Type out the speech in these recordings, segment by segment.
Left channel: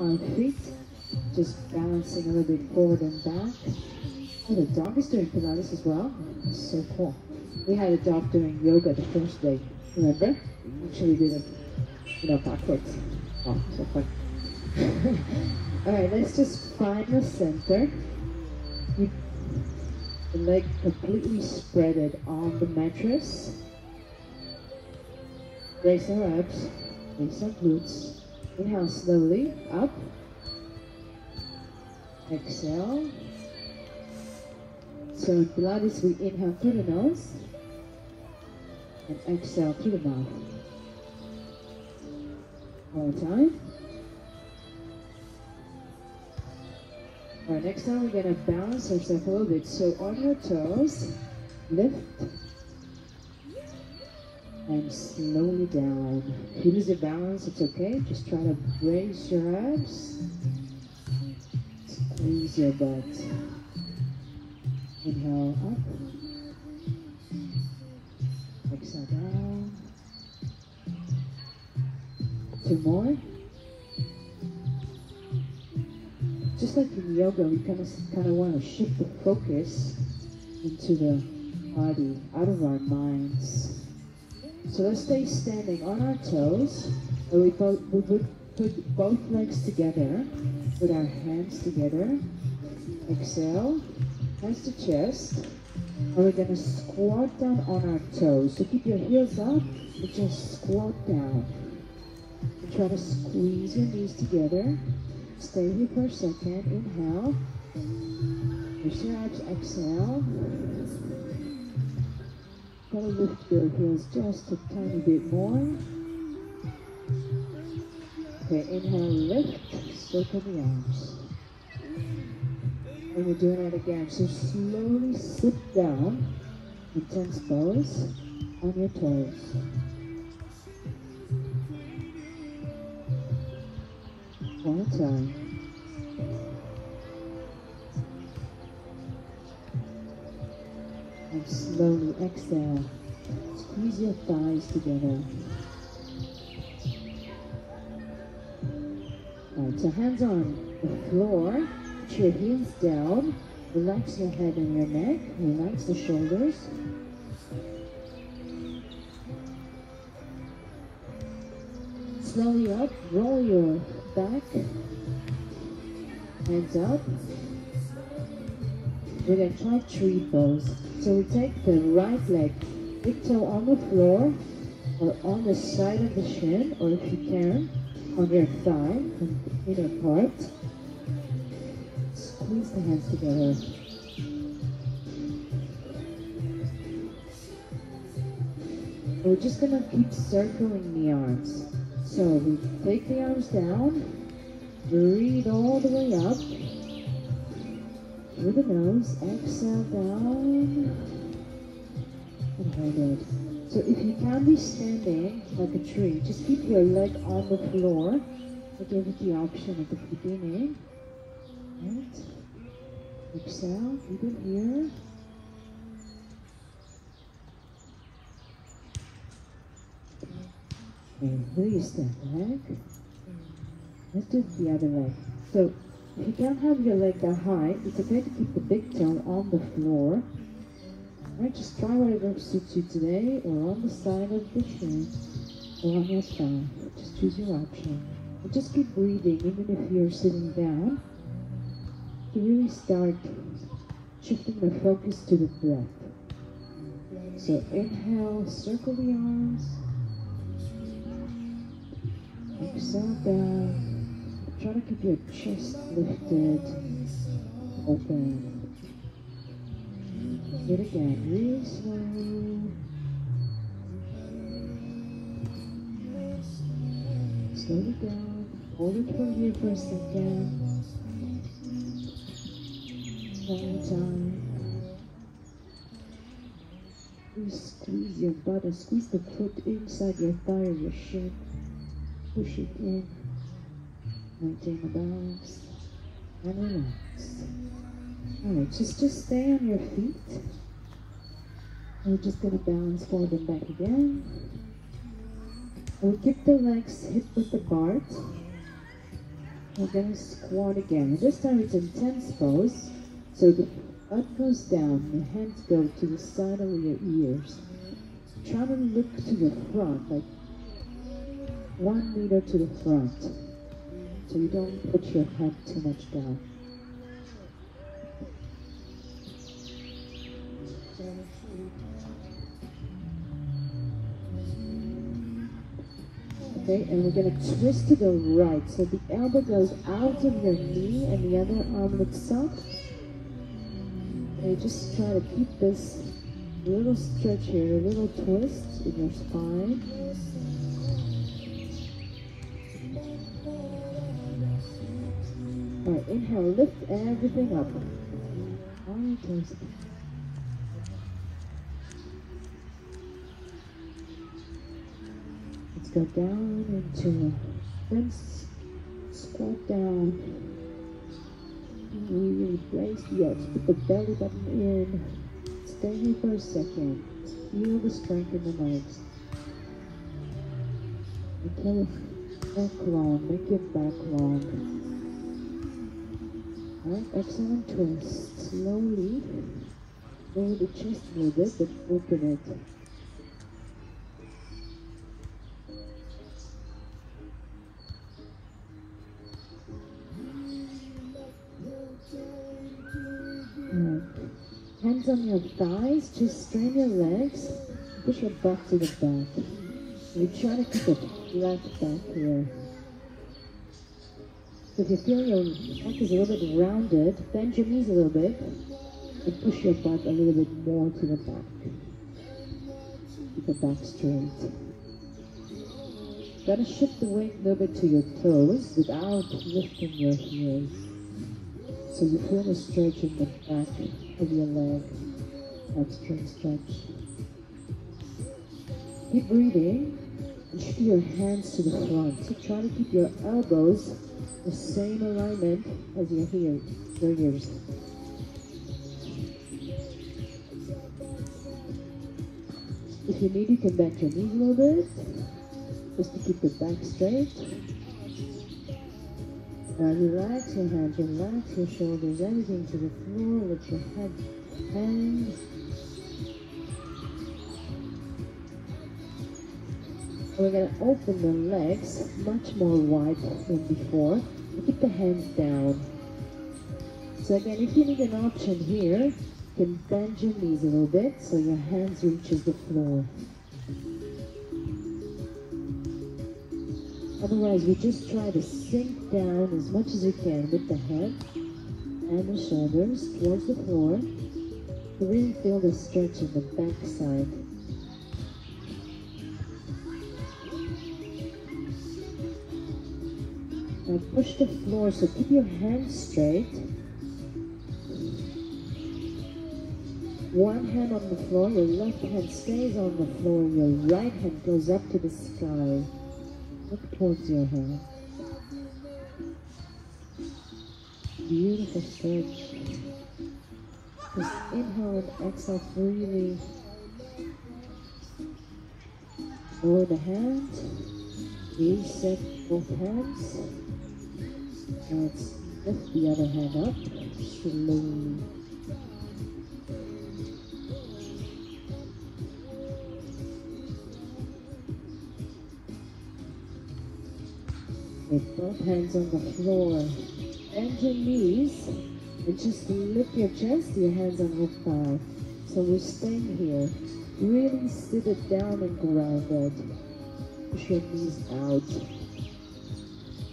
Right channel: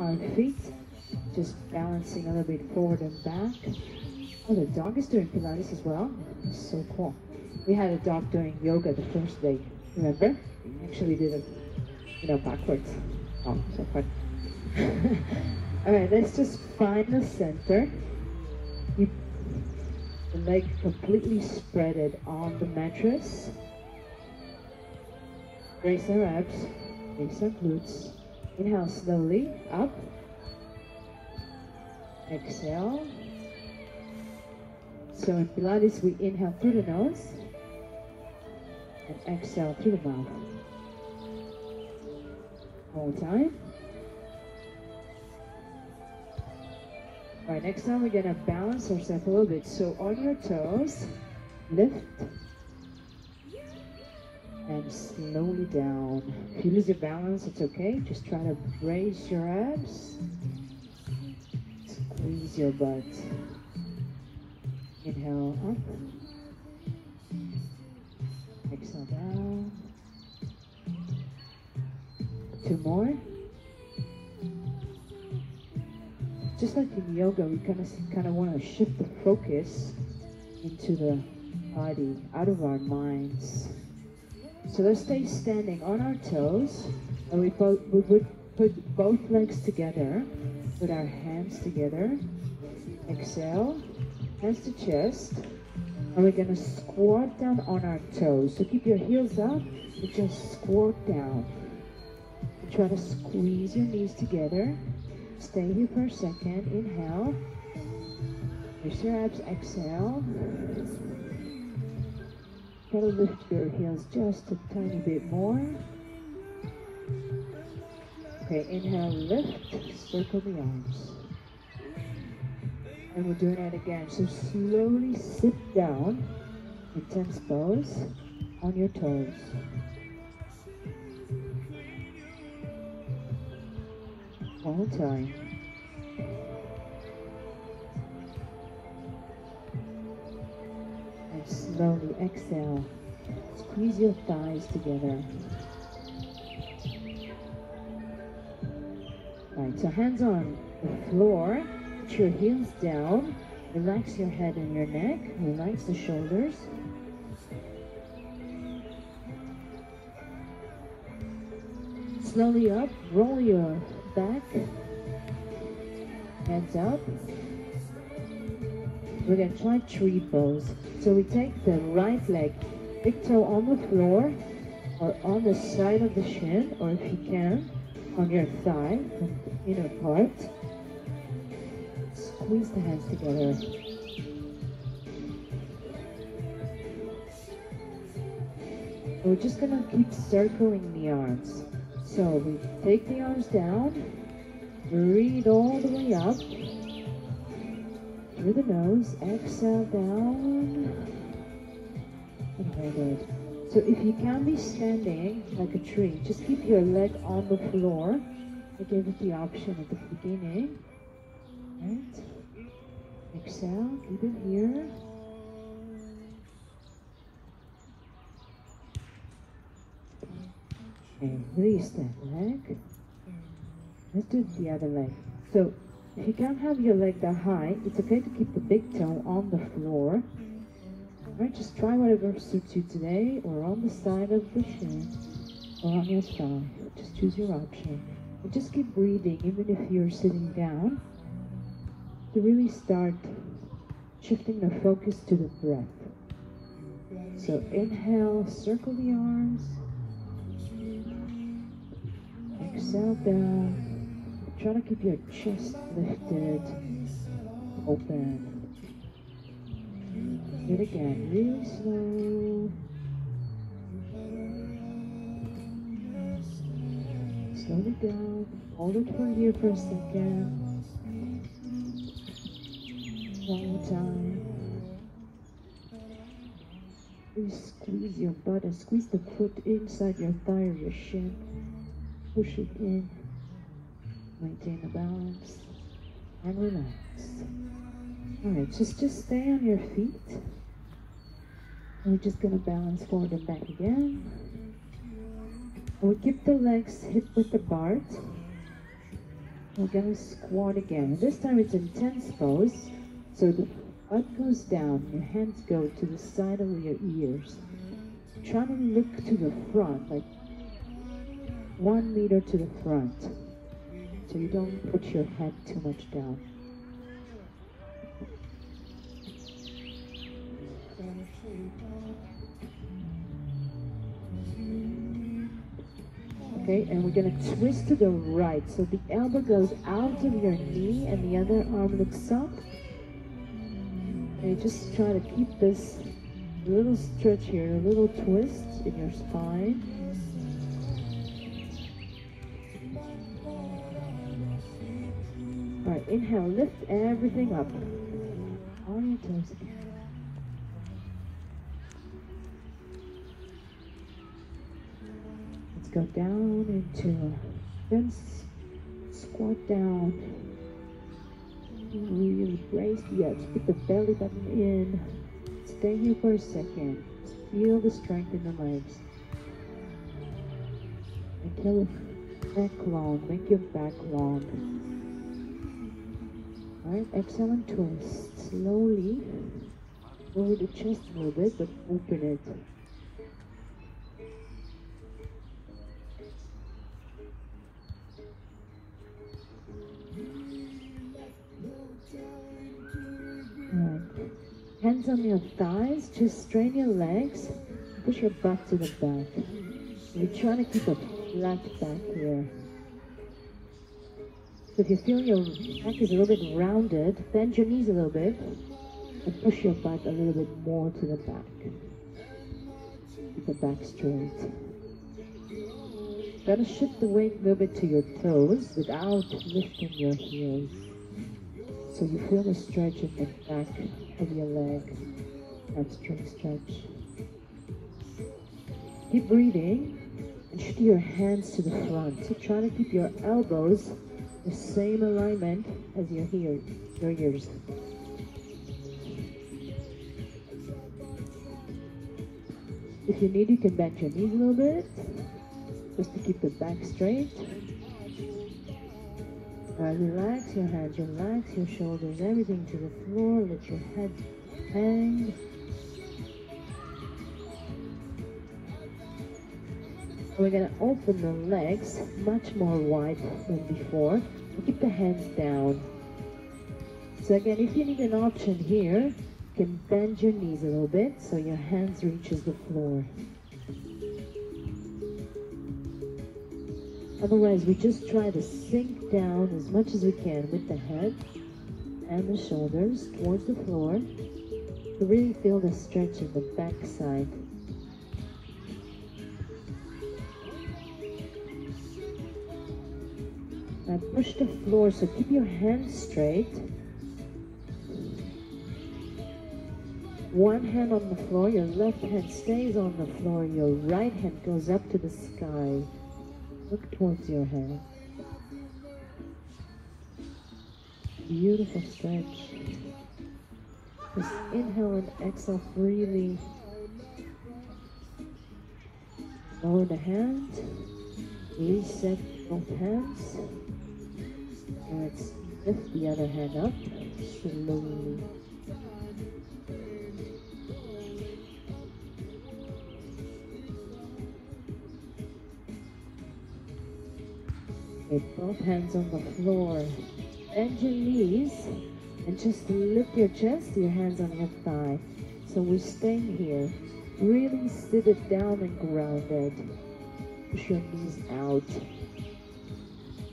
our feet, just balancing a little bit forward and back. Oh, the dog is doing Pilates as well. It's so cool. We had a dog doing yoga the first day, remember? Actually did it, backwards. Oh, so fun. All right, let's just find the center. Keep the leg completely spreaded on the mattress. Raise our abs, raise our glutes. Inhale slowly, up. Exhale. So in Pilates, we inhale through the nose and exhale through the mouth. One more time. All right, next time we're gonna balance ourselves a little bit. So on your toes, lift and slowly down. If you lose your balance, it's okay. Just try to raise your abs. Squeeze your butt. Inhale up. Exhale down. 2 more. Just like in yoga, we kind of want to shift the focus into the body, out of our minds. So let's stay standing on our toes, and we would put both legs together, with our hands together. Exhale, hands to chest, and we're gonna squat down on our toes. So keep your heels up, and just squat down. And try to squeeze your knees together. Stay here for a second. Inhale. Lift your abs. Exhale. Try to lift your heels just a tiny bit more. Okay, inhale, lift, circle the arms. And we're doing that again. So slowly sit down, intense pose, on your toes. One more time. And slowly exhale. Squeeze your thighs together. Right, so hands on the floor. Put your heels down. Relax your head and your neck. Relax the shoulders. Slowly up. Roll your back. Hands up. We're going to try tree pose. So we take the right leg, big toe on the floor, or on the side of the shin, or if you can, on your thigh, from the inner part. Squeeze the hands together. We're just going to keep circling the arms. So we take the arms down, breathe all the way up, through the nose, exhale down, and hold it. So if you can be standing like a tree, just keep your leg on the floor. I gave it the option at the beginning. Right? Exhale, keep it here. And release that leg. Let's do the other leg. So if you can't have your leg that high, it's okay to keep the big toe on the floor. Right, just try whatever suits you today, or on the side of the shin, or on your thigh. Just choose your option. And just keep breathing, even if you're sitting down, to really start shifting the focus to the breath. So inhale, circle the arms. Exhale down. Try to keep your chest lifted, open. Do it again, really slow. Slow it down. Hold it for here for a second. One more time. Please squeeze your butt and squeeze the foot inside your thigh or your shin. Push it in. Maintain the balance and relax. Alright, just stay on your feet. We're just going to balance forward and back again. And we keep the legs hip width apart. We're gonna squat again. This time it's intense pose. So the butt goes down, your hands go to the side of your ears. Try to look to the front, like 1 meter to the front. So you don't put your head too much down. Okay, and we're going to twist to the right. So the elbow goes out of your knee and the other arm looks up. And you just try to keep this little stretch here, a little twist in your spine. All right, inhale, lift everything up. On your toes. Go down into then squat down. Really brace the abs. Put the belly button in. Stay here for a second. Feel the strength in the legs. Until neck long. Make your back long. Alright, exhale and twist. Slowly. Lower the chest a little bit, but open it. Hands on your thighs, just strain your legs, push your butt to the back. You're trying to keep a flat back here. So if you feel your back is a little bit rounded, bend your knees a little bit and push your butt a little bit more to the back. Keep the back straight. Try to shift the weight a little bit to your toes without lifting your heels. So you feel the stretch in the back of your leg, that stretch. Keep breathing and shift your hands to the front. So try to keep your elbows the same alignment as your ears. If you need, you can bend your knees a little bit, just to keep the back straight. Now relax your hands, relax your shoulders, everything to the floor, let your head hang. We're going to open the legs much more wide than before. Keep the hands down. So again, if you need an option here, you can bend your knees a little bit so your hands reaches the floor. Otherwise, we just try to sink down as much as we can with the head and the shoulders towards the floor to really feel the stretch in the back side. Now push the floor, so keep your hands straight. One hand on the floor, your left hand stays on the floor, your right hand goes up to the sky. Look towards your head. Beautiful stretch. Just inhale and exhale freely. Lower the hands. Reset both hands. Let's lift the other hand up slowly. With both hands on the floor, bend your knees and just lift your chest, your hands on your thigh. So we're staying here. Really sit it down and grounded. Push your knees out.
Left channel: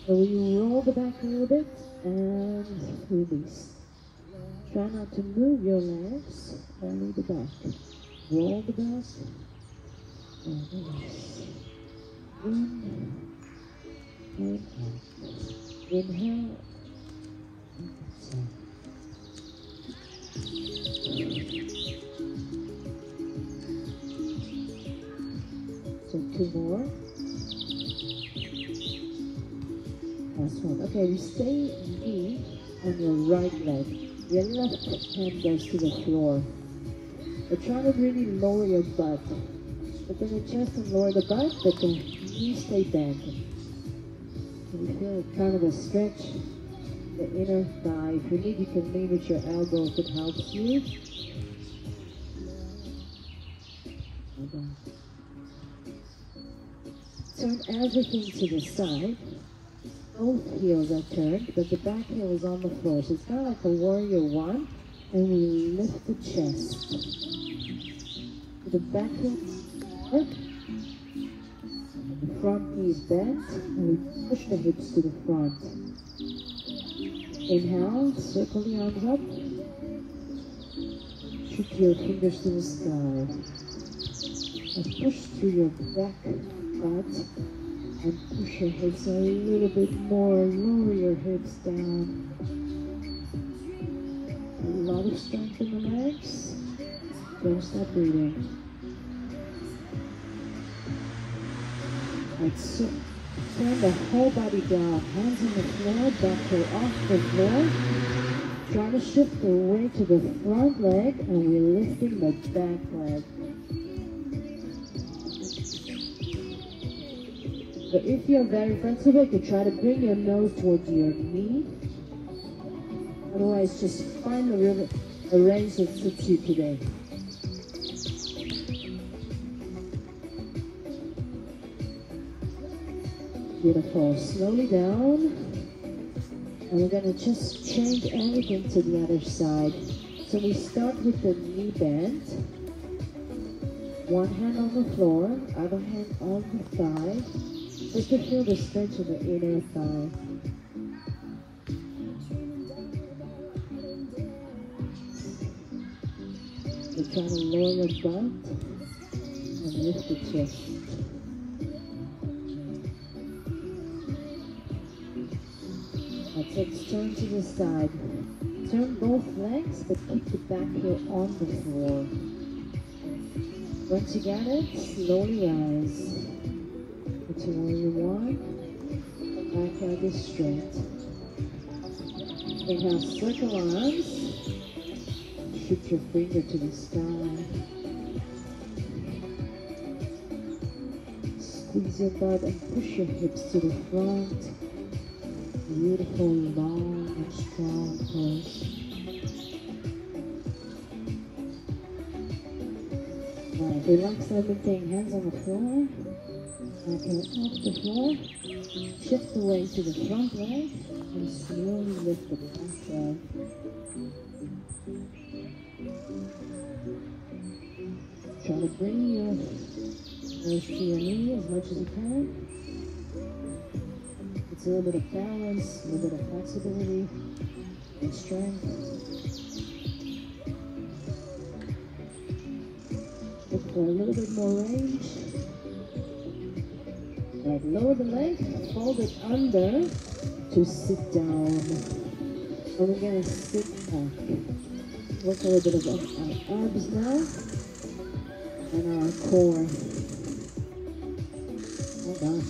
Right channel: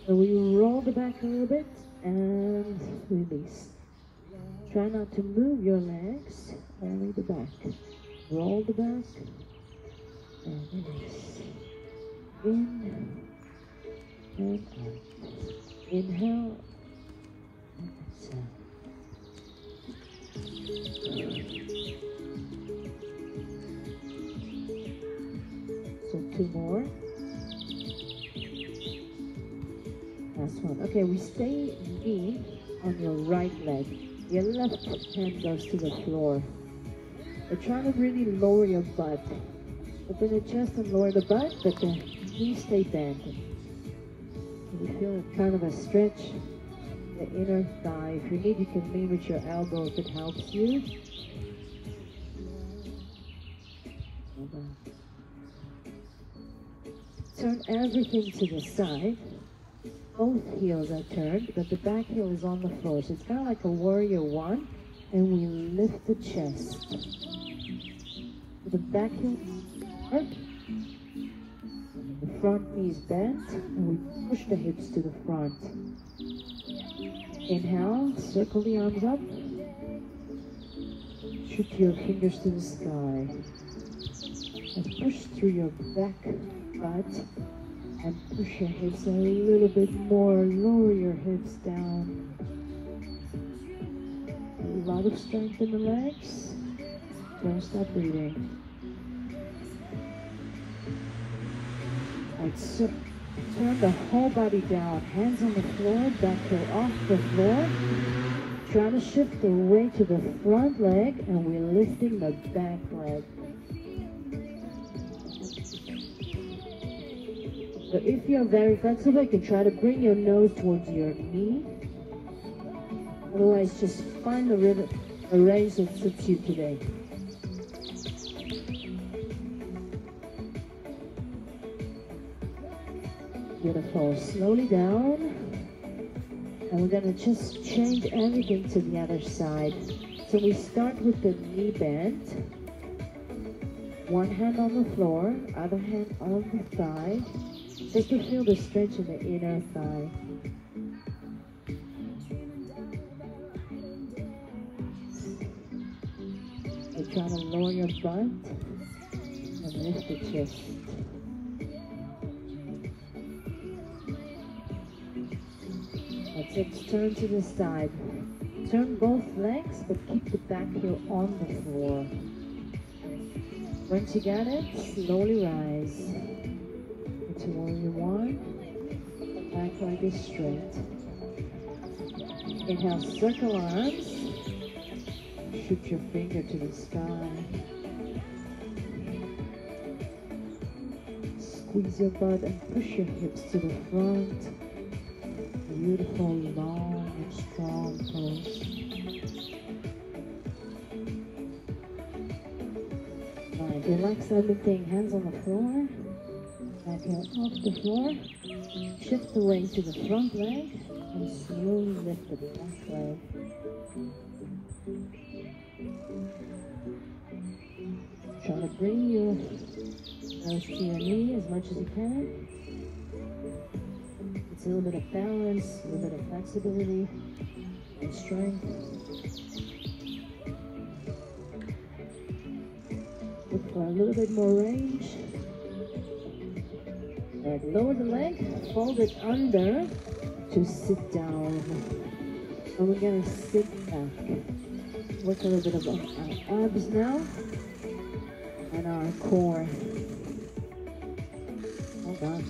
So we roll the back a little bit and release. Try not to move your legs, only the back. Roll the back and release. In. And out. Inhale. Exhale. So 2 more. Last one. Okay, we stay knee on your right leg. Your left hand goes to the floor. But try to really lower your butt. But then adjust and lower the butt, but the knees stay bent. We feel it kind of a stretch, the inner thigh. If you need, you can lean with your elbow if it helps you. Turn everything to the side. Both heels are turned, but the back heel is on the floor. So it's kind of like a warrior one, and we lift the chest. The back heel up. The front knee is bent, and we push the hips to the front. Inhale, circle the arms up. Shoot your fingers to the sky. And push through your back butt. And push your hips a little bit more. Lower your hips down. A lot of strength in the legs. Don't stop breathing. And so turn the whole body down. Hands on the floor, back heel off the floor. Trying to shift the weight to the front leg, and we're lifting the back leg. So if you're very flexible, you can try to bring your nose towards your knee. Otherwise, just find a range that suits you today. Beautiful. Slowly down. And we're going to just change everything to the other side. So we start with the knee bend. One hand on the floor, other hand on the thigh. Just to feel the stretch of the inner thigh. We're trying to lower your butt and lift the chest. Let's turn to the side. Turn both legs, but keep the back heel on the floor. Once you got it, slowly rise. Until you want, back leg is straight. Inhale, circle arms. Shoot your finger to the sky. Squeeze your butt and push your hips to the front. Beautiful, long and strong pose. Right, relax everything. Hands on the floor. Back heel off the floor. Shift the weight to the front leg and slowly lift the back leg. Try to bring your nose to your knee as much as you can. It's a little bit of balance, a little bit of flexibility and strength. Look for a little bit more range. Right, lower the leg, fold it under to sit down. And we're going to sit back. Work a little bit of our abs now and our core. Oh gosh.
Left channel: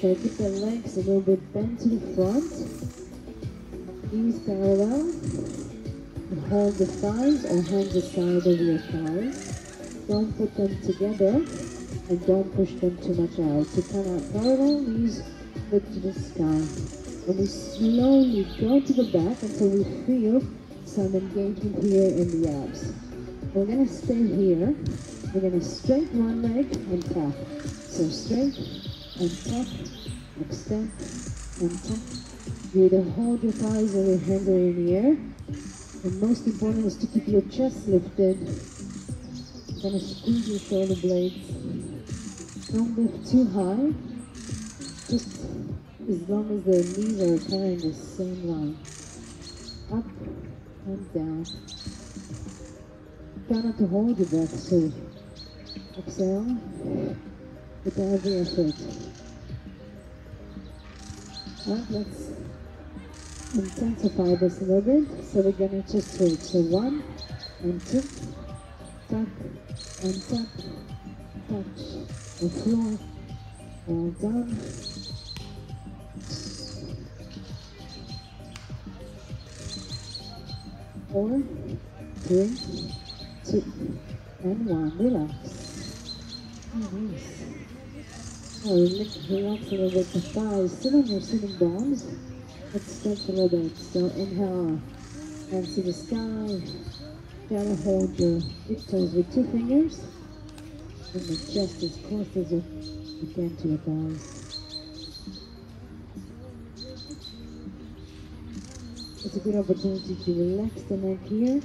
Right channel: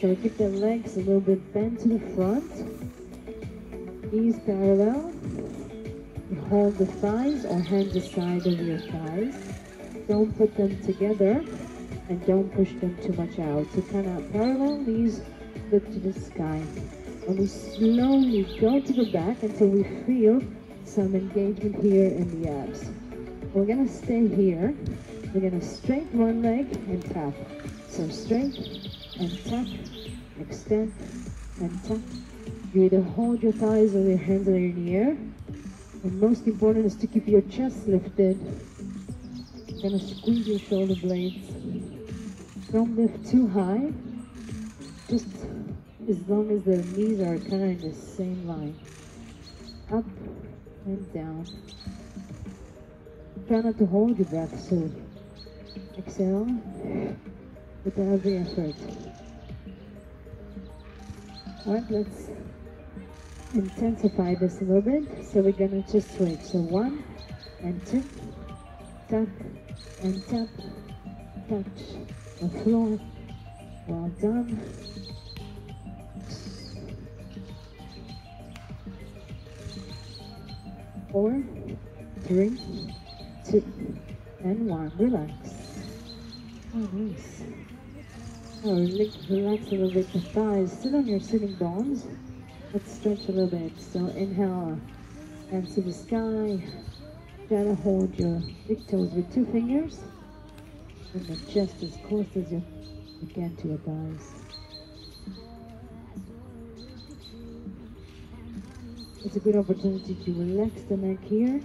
So keep the legs a little bit bent to the front. Knees parallel. You hold the thighs or hands aside of your thighs. Don't put them together. And don't push them too much out. So kind of parallel, knees look to the sky. And we slowly go to the back until we feel some engagement here in the abs. We're going to stay here. We're going to straighten one leg and tap. So straight and tap, extend and tap. You either hold your thighs or your hands are in the air. And most important is to keep your chest lifted. You're going to squeeze your shoulder blades. Don't lift too high, just as long as the knees are kind of in the same line. Up and down. Try not to hold your breath, so exhale with every effort. Alright, let's intensify this a little bit. So we're going to just switch. So 1 and 2, tap and tap, touch the floor. Well done. 4, 3, 2, and 1. Relax. Oh, nice. relax a little bit the thighs. Sit on your sitting bones. Let's stretch a little bit. So inhale, and see the sky. Then hold your big toes with 2 fingers. And the chest as close as you can to your thighs. It's a good opportunity to relax the neck here.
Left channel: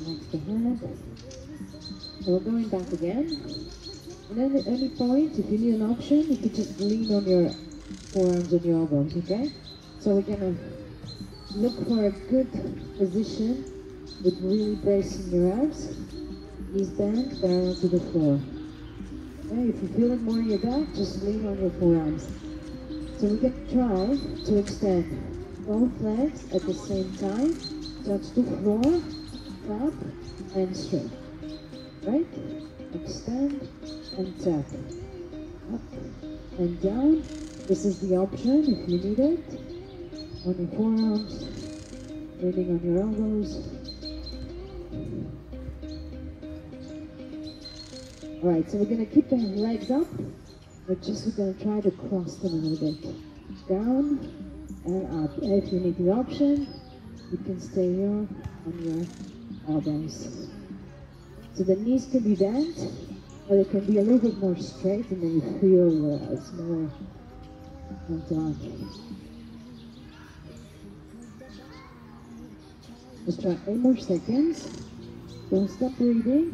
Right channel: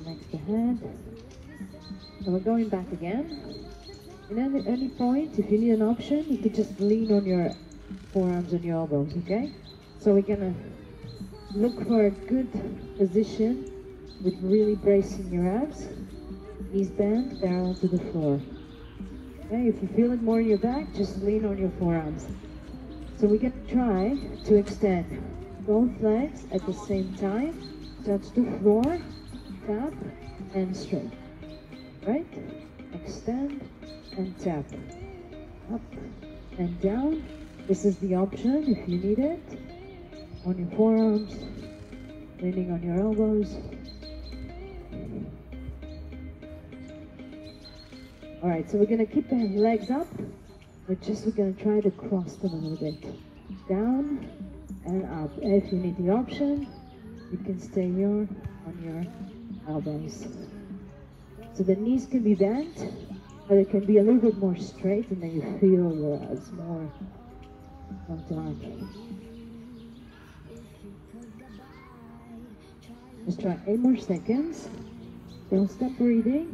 Relax the head. So we're going back again. And then at any point, if you need an option, you could just lean on your forearms and your elbows, okay? So we're gonna look for a good position with really bracing your abs. Knees bent, parallel to the floor. Okay, if you feel it more in your back, just lean on your forearms. So we're gonna try to extend both legs at the same time. Touch the floor, tap, and straight. Right? Extend and tap. Up and down. This is the option if you need it. On your forearms, leaning on your elbows. Alright, so we're going to keep the legs up, but we're going to try to cross them a little bit. Down and up. And if you need the option, you can stay here on your elbows. So the knees can be bent, but it can be a little bit more straight, and then you feel it's more on top. Let's try 8 more seconds. Don't stop breathing.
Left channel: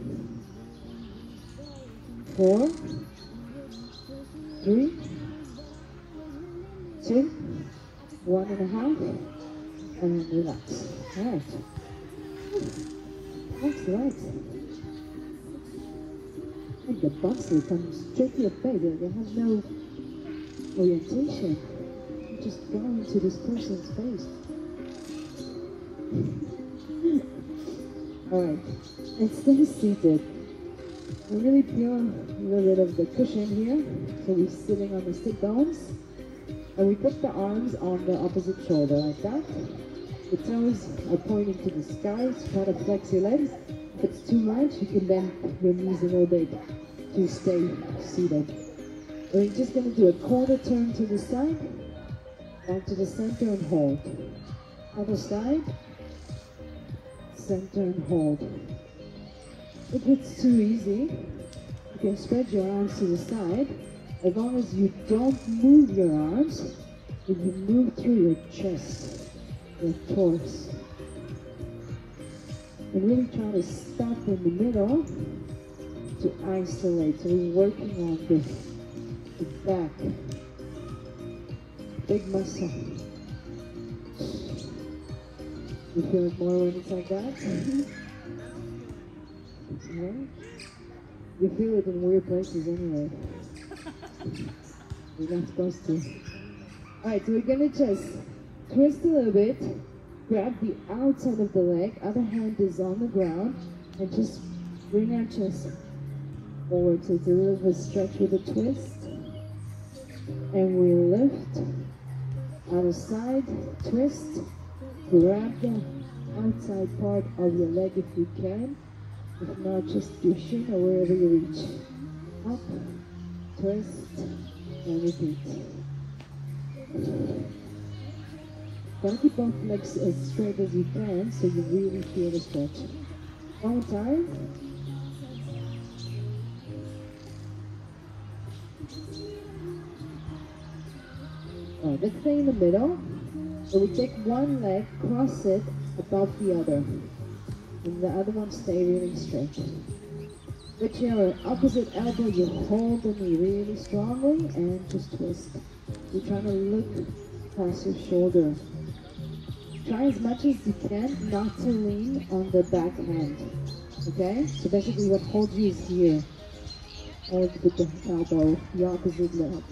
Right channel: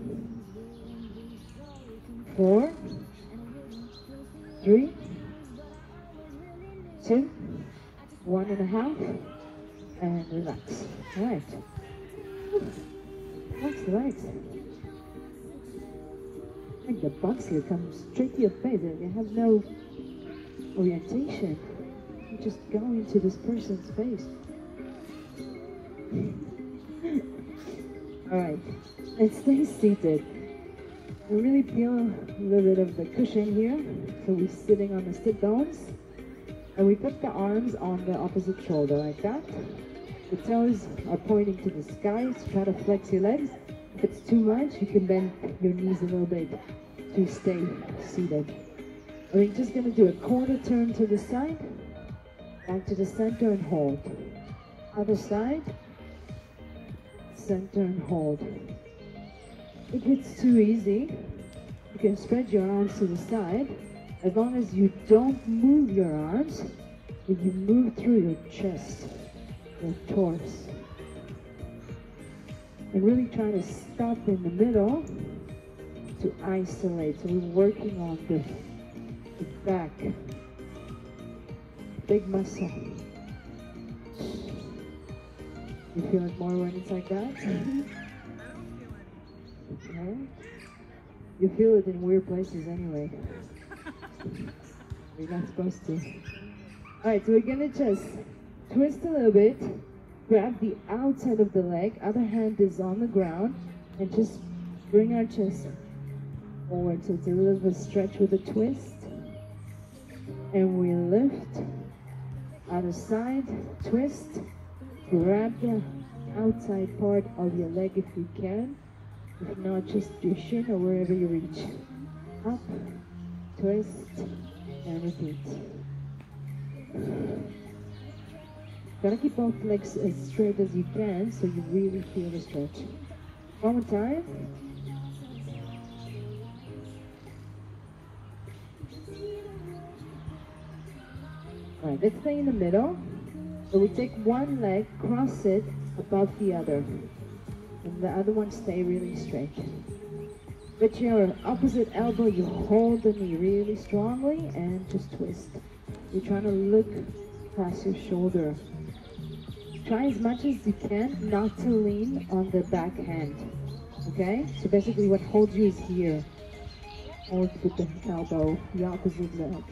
4, 3, 2, 1.5, and relax. All right. That's right. And the bumps come straight to your face. You have no orientation. You just go into this person's face. Alright, and stay seated. We really feel a little bit of the cushion here. So we're sitting on the sit bones. And we put the arms on the opposite shoulder like that. The toes are pointing to the sky, so try to flex your legs. If it's too much, you can bend your knees a little bit to stay seated. And we're just going to do a quarter turn to the side, back to the center and hold. Other side, center and hold. If it's too easy, you can spread your arms to the side. As long as you don't move your arms, if you move through your chest, your torso. And really trying to stop in the middle to isolate. So we're working on the back. Big muscle. You feel it more when it's like that? Okay. You feel it in weird places anyway. You're not supposed to. Alright, so we're gonna just twist a little bit, grab the outside of the leg, other hand is on the ground, and just bring our chest forward. So it's a little bit of a stretch with a twist. And we lift, other side, twist, grab the outside part of your leg if you can. If not, just your shin or wherever you reach. Up, twist, and repeat. Gonna keep both legs as straight as you can so you really feel the stretch. One more time. Alright, let's stay in the middle. So we take one leg, cross it above the other. And the other one stay really straight. With your opposite elbow, you hold the knee really strongly and just twist. You're trying to look past your shoulder. Try as much as you can not to lean on the back hand. Okay? So basically what holds you is here. Hold with the elbow, the opposite leg.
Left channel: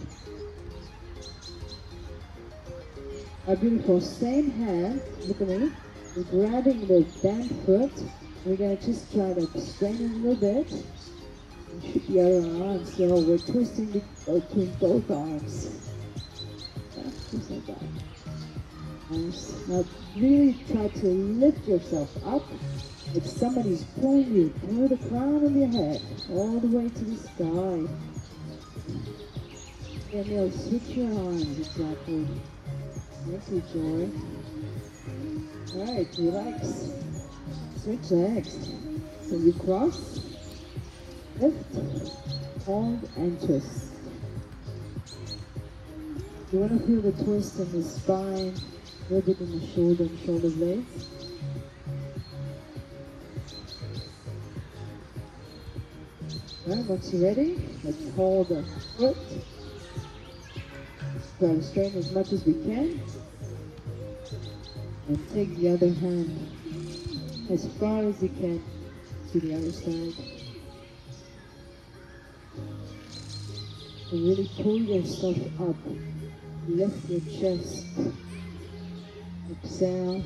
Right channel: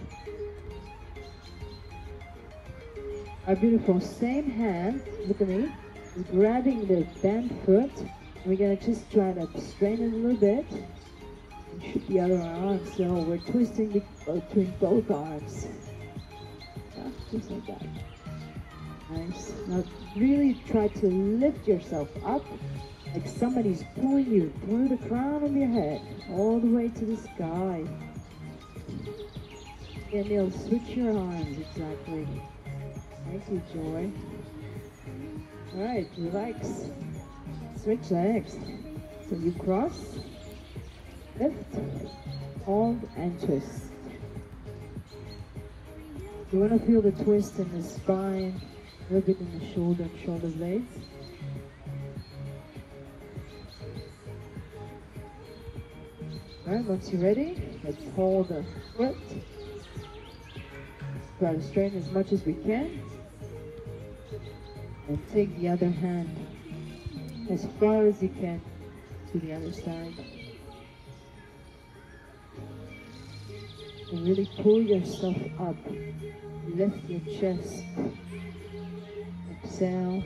Our beautiful same hand, look at me. We're grabbing the bent foot. We're going to just try to strain it a little bit. And shoot the other arm. So we're twisting between both arms. Just like that. Nice. Now really try to lift yourself up like somebody's pulling you through the crown of your head all the way to the sky. And you'll switch your arms, exactly. Thank you, Joy. Alright, relax. Switch legs. So you cross, lift, hold, and twist. You want to feel the twist in the spine, a little bit in the shoulder and shoulder blades. Alright, once you're ready, let's hold the foot. Try to straighten as much as we can. And take the other hand as far as you can to the other side. And really pull yourself up. Lift your chest. Exhale.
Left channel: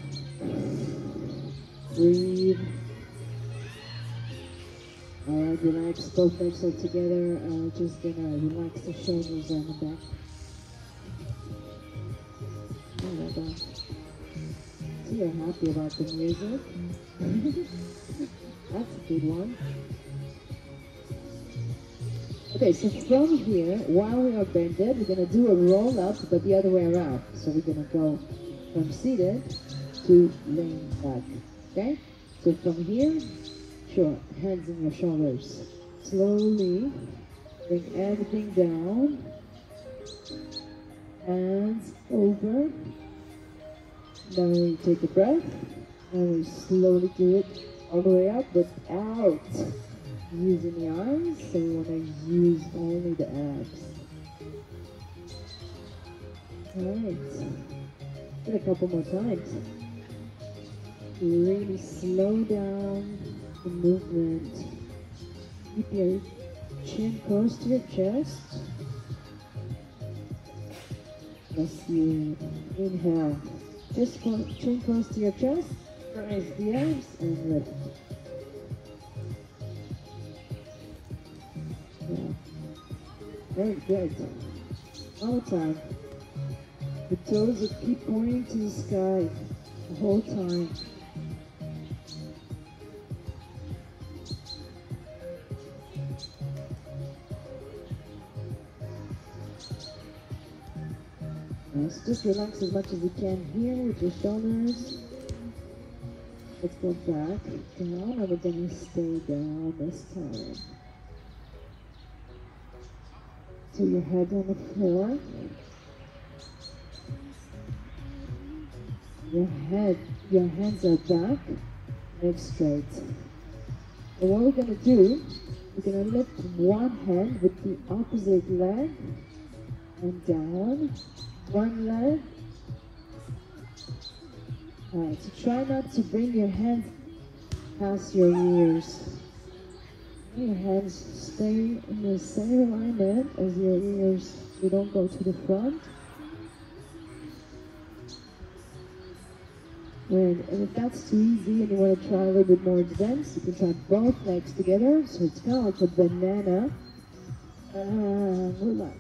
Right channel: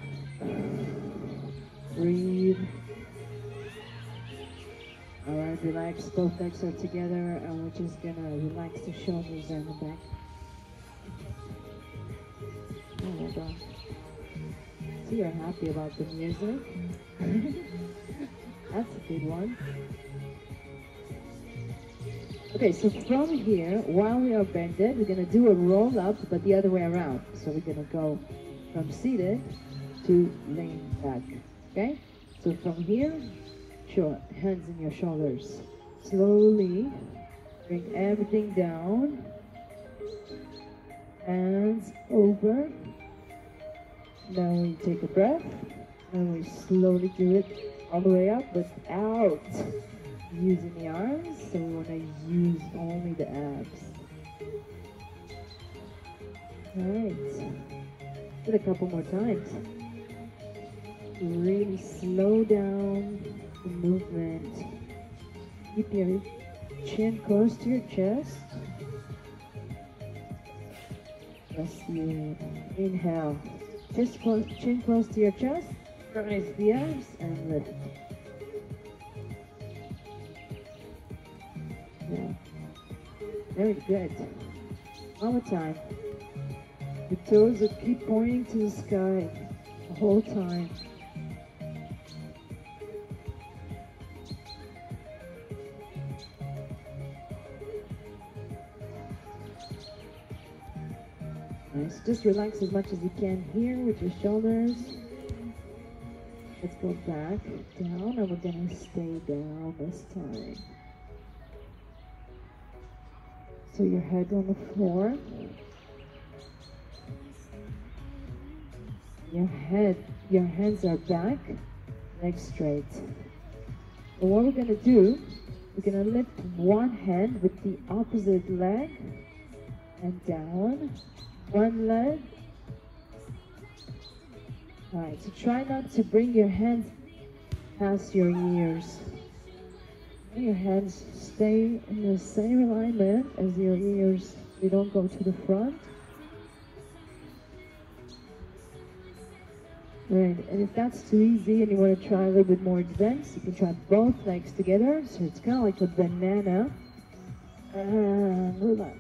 Breathe. Alright, relax. Both legs are together, and we're just gonna relax the shoulders and the back. Oh my God. So you're happy about the music? That's a good one. Okay, so from here, while we are bended, we're going to do a roll up, but the other way around. So we're going to go from seated to laying back. Okay? So from here, sure, hands on your shoulders. Slowly bring everything down. Hands over. Now we take a breath, and we slowly do it all the way up without using the arms, so we want to use only the abs. Alright, do it a couple more times. Really slow down the movement. Keep your chin close to your chest. As you inhale, chin close to your chest, raise the arms and lift. Yeah. Very good. One more time. The toes will keep pointing to the sky the whole time. Nice. Just relax as much as you can here with your shoulders. Let's go back down, and we're going to stay down this time. So your head on the floor. Your hands are back, legs straight. And what we're going to do, we're going to lift one hand with the opposite leg and down. One leg. Alright, so try not to bring your hands past your ears. Your hands stay in the same alignment as your ears. You don't go to the front. Right, and if that's too easy and you want to try a little bit more advanced, you can try both legs together. So it's kind of like a banana. And relax.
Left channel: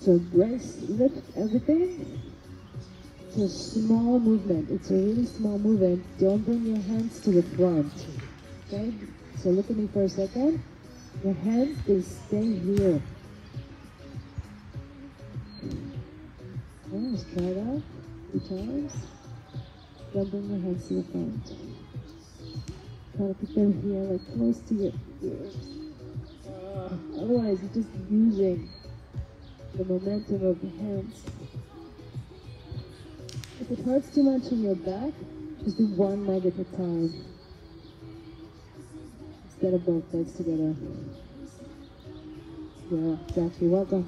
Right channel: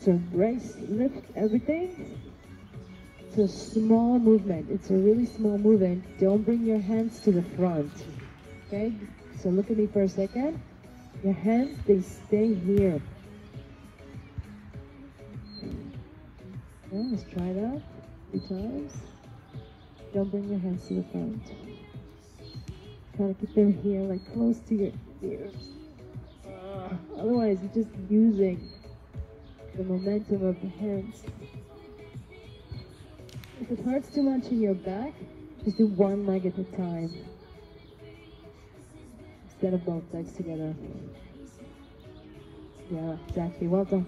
So embrace, lift everything. It's a small movement. It's a really small movement. Don't bring your hands to the front. Okay? So look at me for a second. Your hands, they stay here. Okay, let's try that 2 times. Don't bring your hands to the front. Try to keep them here, like close to your ears. Otherwise, you're just using the momentum of the hands. If it hurts too much in your back, just do one leg at a time instead of both legs together. Yeah, exactly. Well done.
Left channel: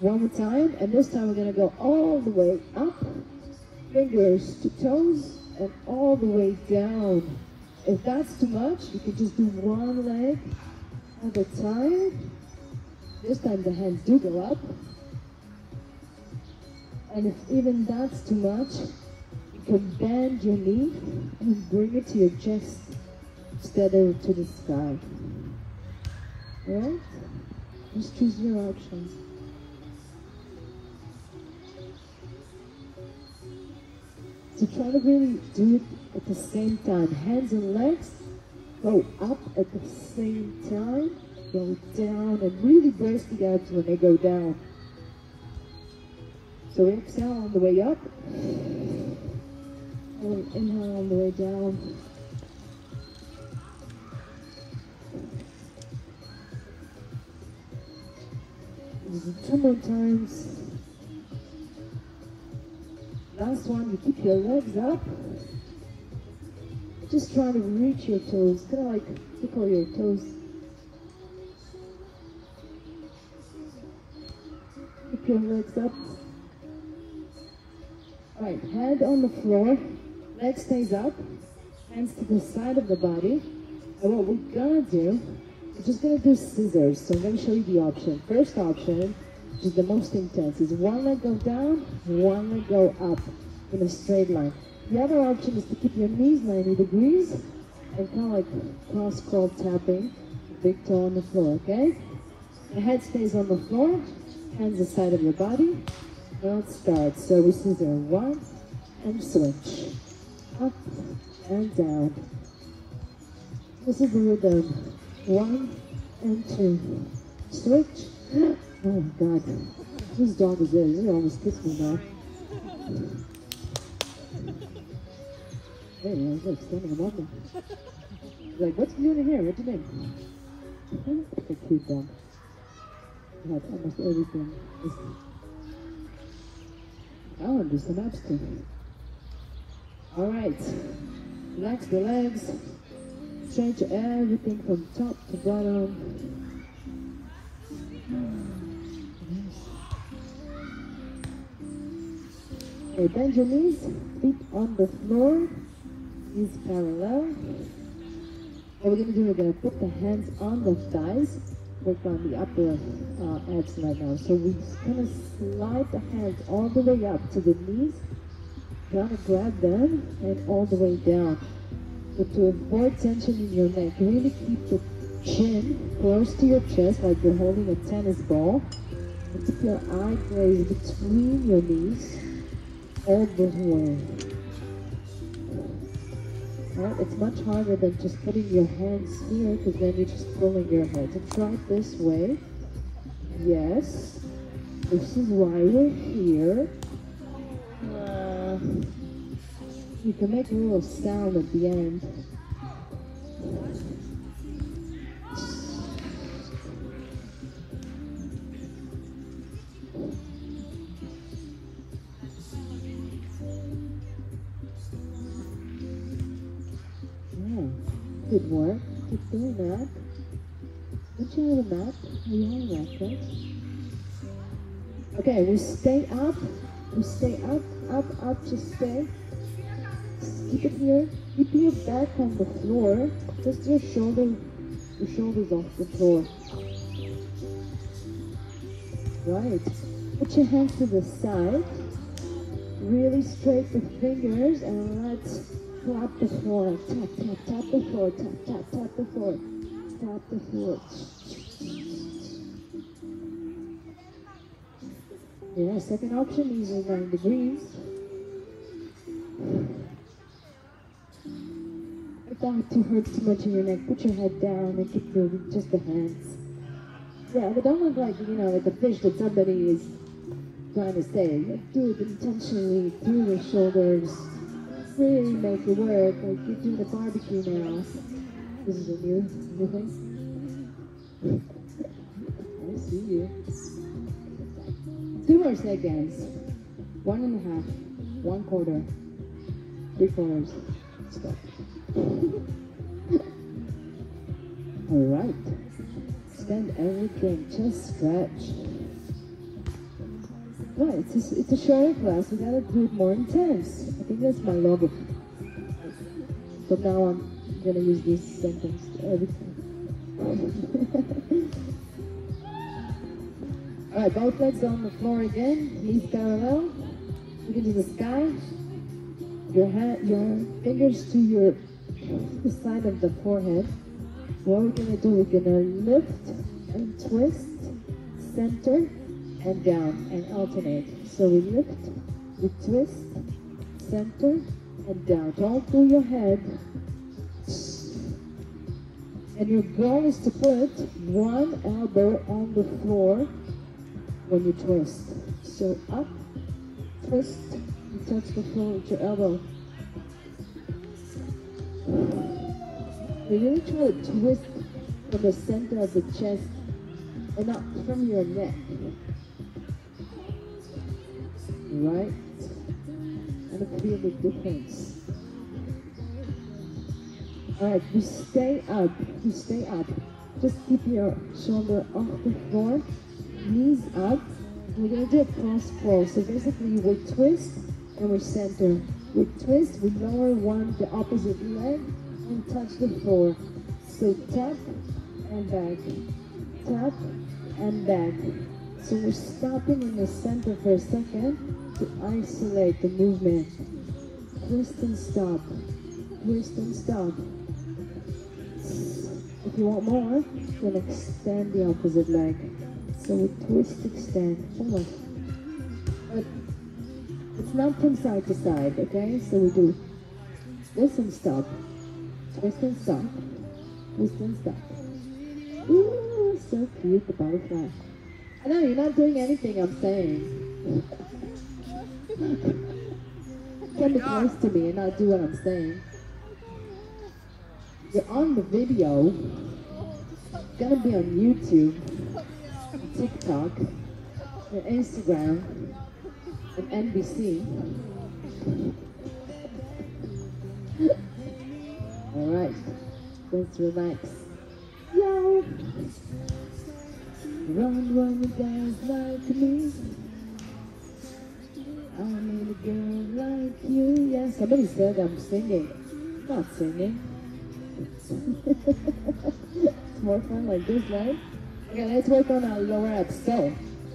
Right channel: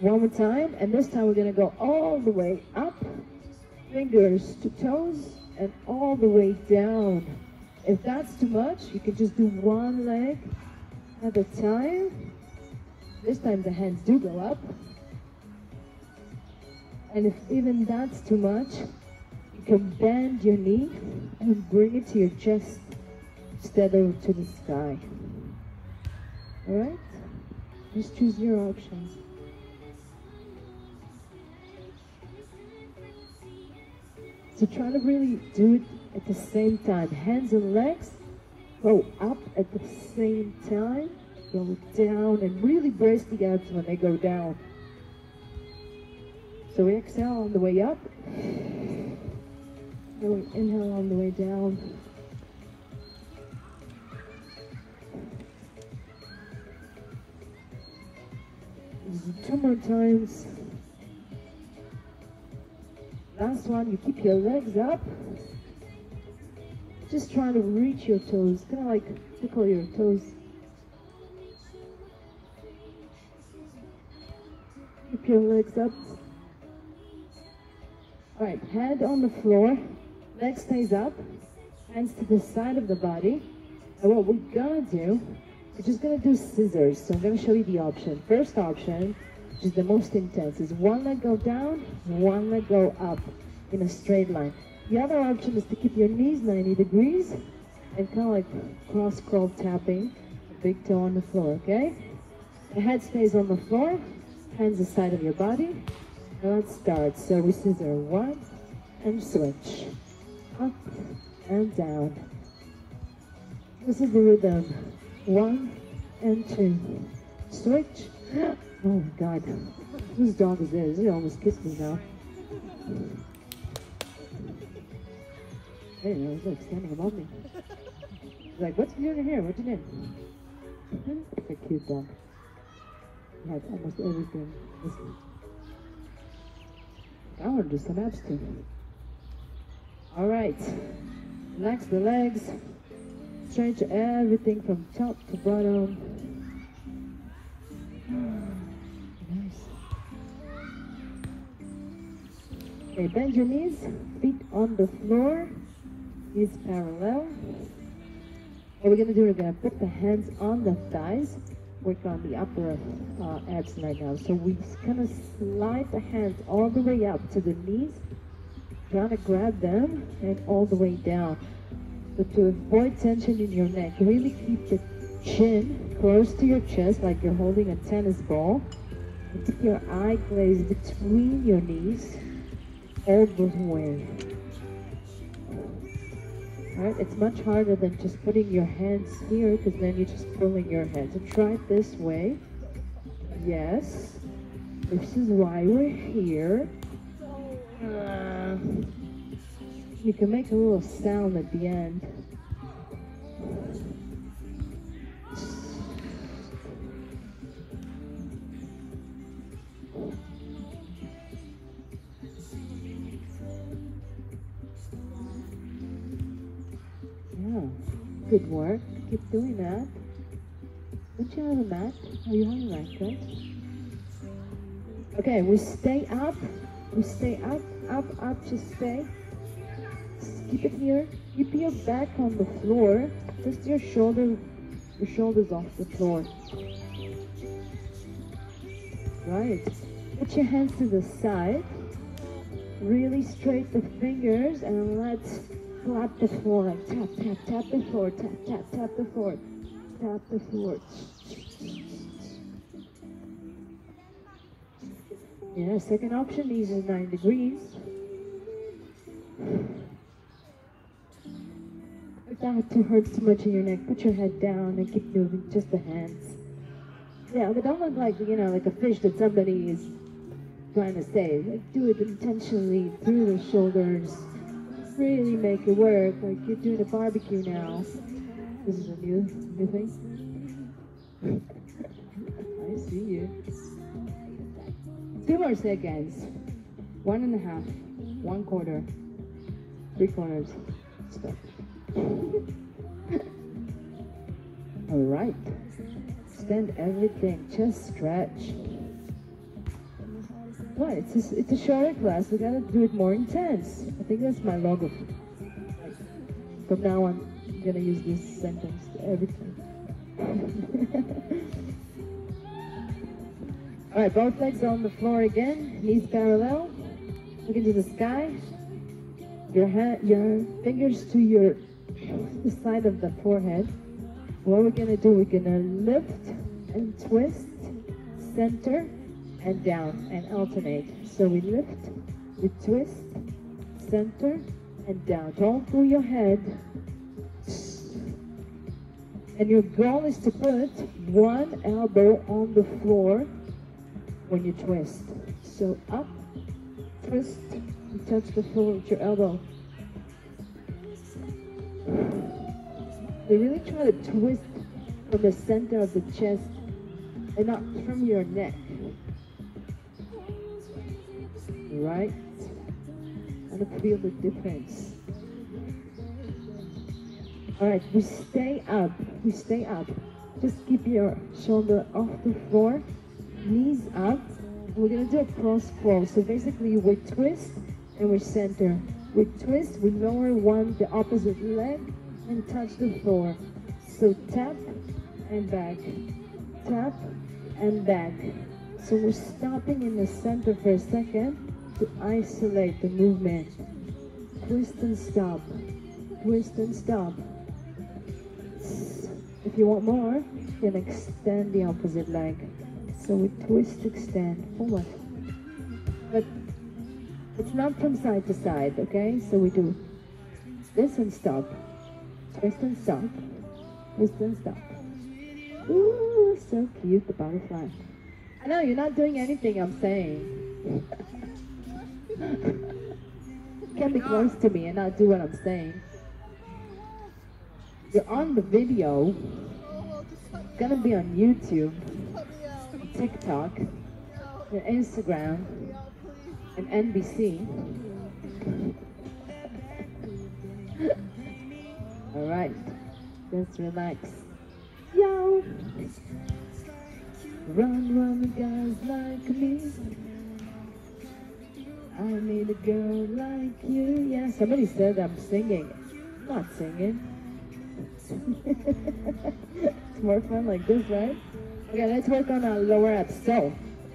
One more time, and this time we're going to go all the way up, fingers to toes, and all the way down. If that's too much, you can just do one leg at a time. This time the hands do go up. And if even that's too much, you can bend your knee and bring it to your chest instead of to the sky. Alright? Just choose your options. So try to really do it at the same time. Hands and legs go up at the same time. go down, and really brace the abs when they go down. So we exhale on the way up, and we inhale on the way down. Two more times. Last one, you keep your legs up. Just trying to reach your toes, kind of like tickle your toes. Keep your legs up. Alright, hand on the floor, leg stays up, hands to the side of the body. And what we're gonna do, we're just gonna do scissors. So I'm gonna show you the option. First option, which is the most intense, is one leg go down, one leg go up in a straight line. The other option is to keep your knees 90 degrees and kind of like cross crawl tapping a big toe on the floor, okay? The head stays on the floor, hands the side of your body. Now it starts. So we scissor one and switch. Up and down. This is the rhythm. 1 and 2. Switch. Oh my God. Whose dog is this? He almost kissed me now. Hey, he's like standing above me. He's like, what's he doing here? What's your name? It's a cute dog. He has almost everything. I'll do some abs too. Alright. Relax the legs. Stretch everything from top to bottom. Nice. Okay, bend your knees. Feet on the floor. Knees parallel. What we're going to do, we're going to put the hands on the thighs. Work on the upper abs right now. So we kind of slide the hands all the way up to the knees, trying to grab them, and all the way down. But to avoid tension in your neck, really keep the chin close to your chest like you're holding a tennis ball. And keep your eye gaze between your knees all the way. Right? It's much harder than just putting your hands here, because then you're just pulling your head. So try it this way. Yes. This is why we're here. You can make a little sound at the end. Good work. Keep doing that. Don't you have a mat? Oh, you have a mat, right? Okay, we stay up. We stay up, up, up. Just stay. Just keep it here. Keep your back on the floor. Just your shoulders off the floor. Right. Put your hands to the side. Really straight the fingers and let's tap the floor, tap, tap, tap the floor, tap, tap, tap the floor, tap the floor. Yeah, second option, knees is 9 degrees. If that hurts too much in your neck, put your head down and keep moving, just the hands. Yeah, but don't look like, you know, like a fish that somebody is trying to save. Do it intentionally through the shoulders. Really make it work, like you're doing a barbecue now. This is a new thing. I see you. 2 more seconds. 1.5, 1/4, 3/4. Stop. All right. Extend everything. Just stretch. Right, it's a shorter class. We gotta do it more intense. I think that's my logo. From now on, I'm gonna use this sentence every time. All right, both legs on the floor again. Knees parallel. Look into the sky. Your fingers to the side of the forehead. What we're gonna do, we're gonna lift and twist, center, and down, and alternate. So we lift, we twist, center, and down. All through your head. And your goal is to put one elbow on the floor when you twist. So up, twist, and touch the floor with your elbow. So really try to twist from the center of the chest and not from your neck. Right? And feel the difference. Alright, we stay up. We stay up. Just keep your shoulder off the floor, knees up. We're going to do a cross pull. So basically we twist and we center. We twist, we lower the opposite leg and touch the floor. So tap and back. Tap and back. So we're stopping in the center for a second to isolate the movement. Twist and stop. Twist and stop. If you want more, you can extend the opposite leg. So we twist, extend, forward. But it's not from side to side, okay? So we do this and stop. Twist and stop. Twist and stop. Ooh, so cute, the butterfly. I know, you're not doing anything I'm saying. You can be close to me and not do what I'm saying. You're on the video. It's gonna be on YouTube, TikTok, and Instagram, and NBC. Alright, let's relax. Yo! Run, guys like me. I need a girl like you. Yeah, somebody said I'm singing. I'm not singing. It's more fun like this, right? Okay, let's work on our lower abs. So,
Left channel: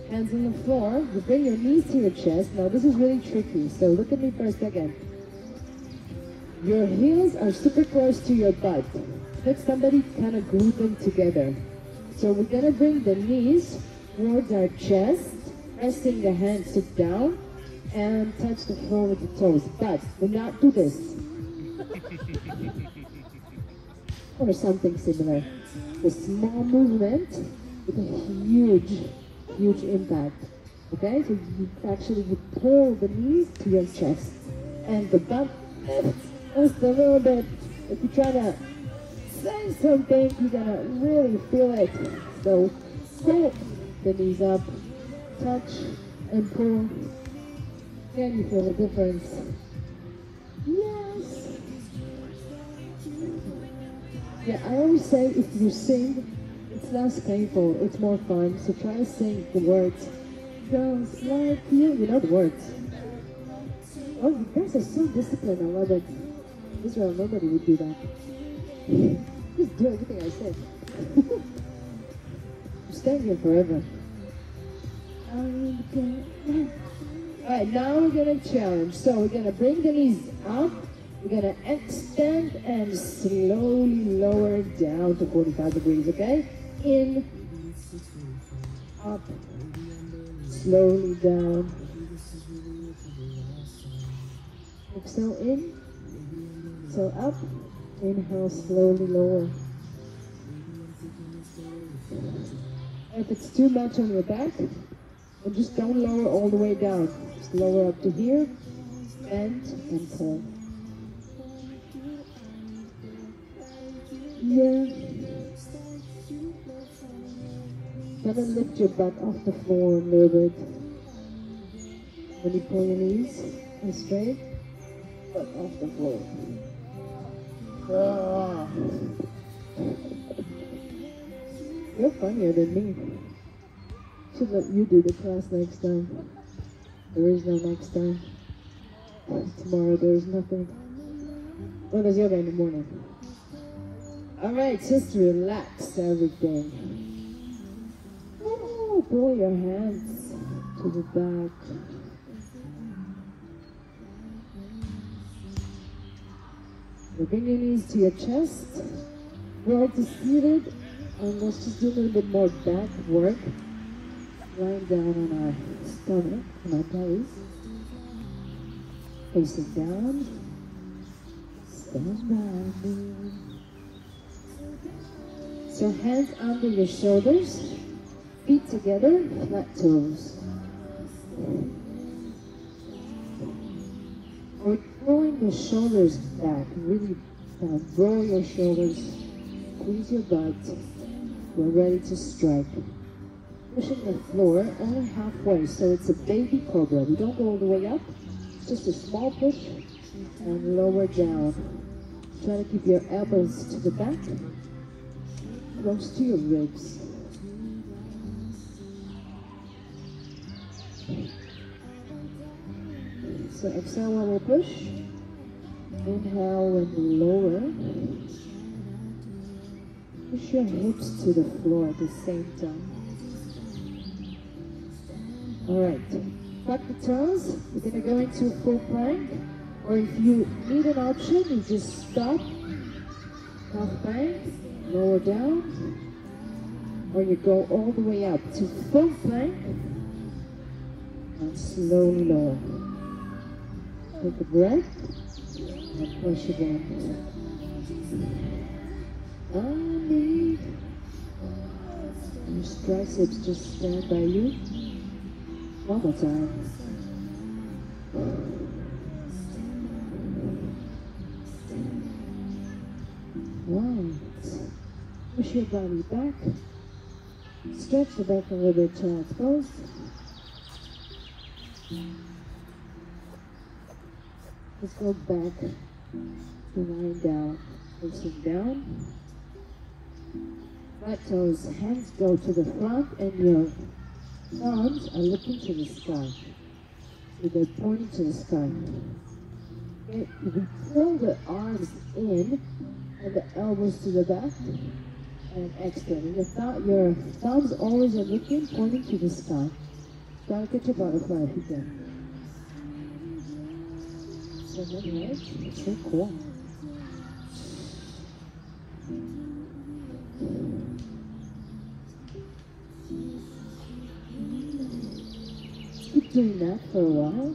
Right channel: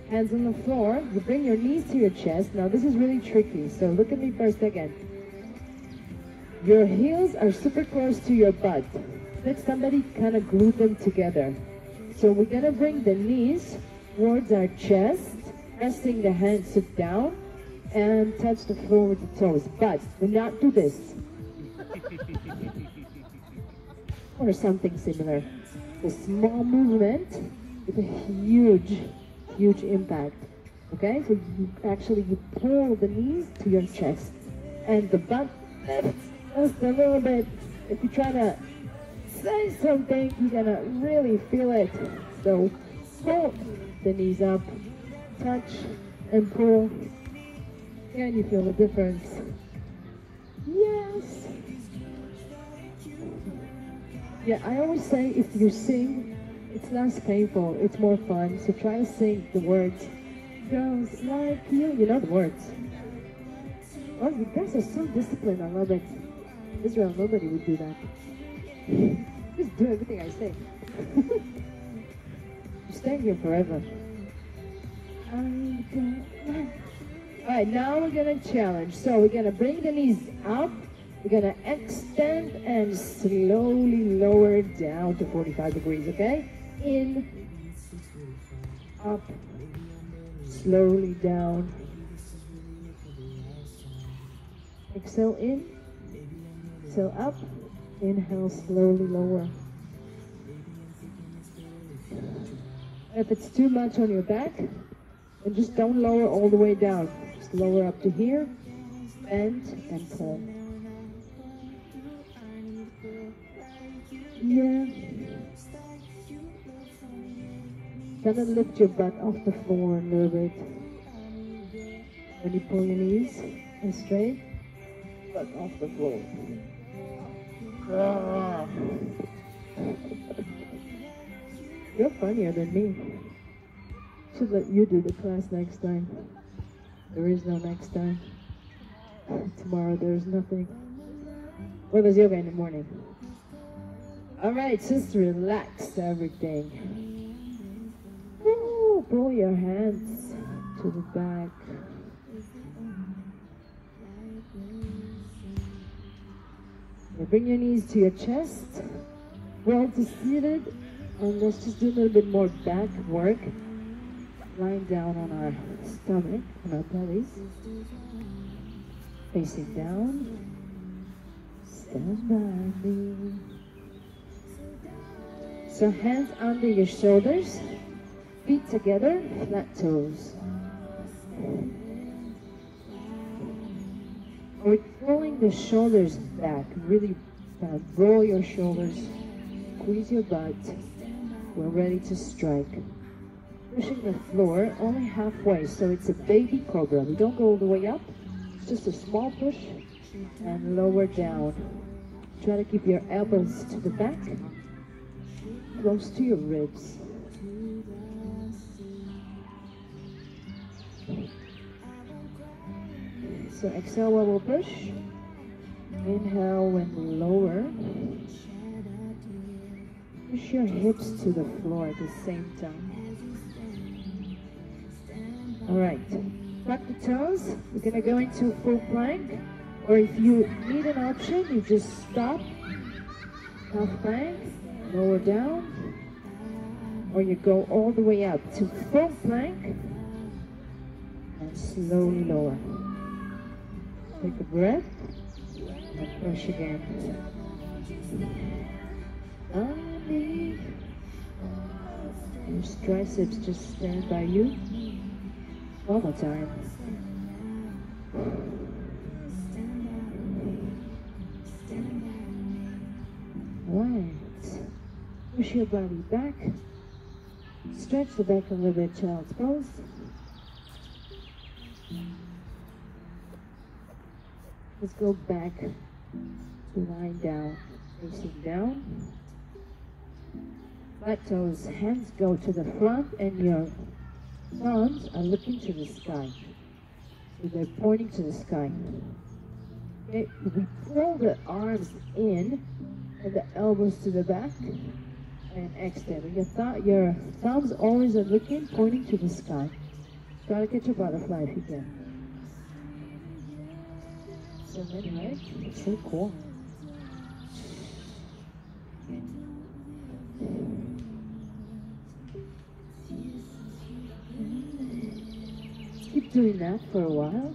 hands on the floor. You bring your knees to your chest. Now, this is really tricky. So, look at me for a second. Your heels are super close to your butt. Let somebody kind of glue them together. So, we're going to bring the knees towards our chest, pressing the hands down, and touch the floor with the toes. But, do not do this. Or something similar. A small movement with a huge impact. Okay, so you pull the knees to your chest, and the butt lifts just a little bit. If you try to say something, you're gonna really feel it. So pull the knees up, touch and pull. Can you feel the difference? Yes. Yeah, I always say if you sing, it's less painful, it's more fun. So try to sing the words. Girls like you, you know the words. Oh, you guys are so disciplined, I love it. Israel, nobody would do that. Just do everything I say. I'm staying here forever. Alright, now we're gonna challenge. So we're gonna bring the knees up. We're gonna extend and slowly lower down to 45 degrees, okay? In, up, slowly down. Exhale in, so up, inhale, slowly lower. If it's too much on your back, then just don't lower all the way down. Just lower up to here, bend and pull. Yeah. Kind of lift your butt off the floor a little bit. When you pull your knees and straight, butt off the floor. Ah. You're funnier than me. Should let you do the class next time. There is no next time. Tomorrow there is nothing. Well, there's yoga in the morning. Alright, just relax everything. Ooh, pull your hands to the back. Now bring your knees to your chest. Roll to seated. And let's just do a little bit more back work. Lying down on our stomach, on our bellies. Facing down. Stand by. So hands under your shoulders, feet together, flat toes. We're pulling the shoulders back, really roll your shoulders, squeeze your butt. We're ready to strike. Pushing the floor only halfway, so it's a baby cobra. We don't go all the way up, just a small push and lower down. Try to keep your elbows to the back, close to your ribs. So exhale while we'll push. Inhale and lower. Push your hips to the floor at the same time. Alright, tuck the toes. We're going to go into full plank. Or if you need an option, you just stop. Half plank, lower down. Or you go all the way up to full plank. And slowly lower. Take a breath. And push again. Your triceps just stand by you. One more time. Right. Push your body back. Stretch the back a little bit, child's pose. Let's go back to lying down, facing down. Right toes, hands go to the front and your thumbs are looking to the sky. So they're pointing to the sky. Okay, we pull the arms in and the elbows to the back and extend. And your thumbs always are looking, pointing to the sky. Try to catch a butterfly if you can. So right, it's so cool. Keep doing that for a while.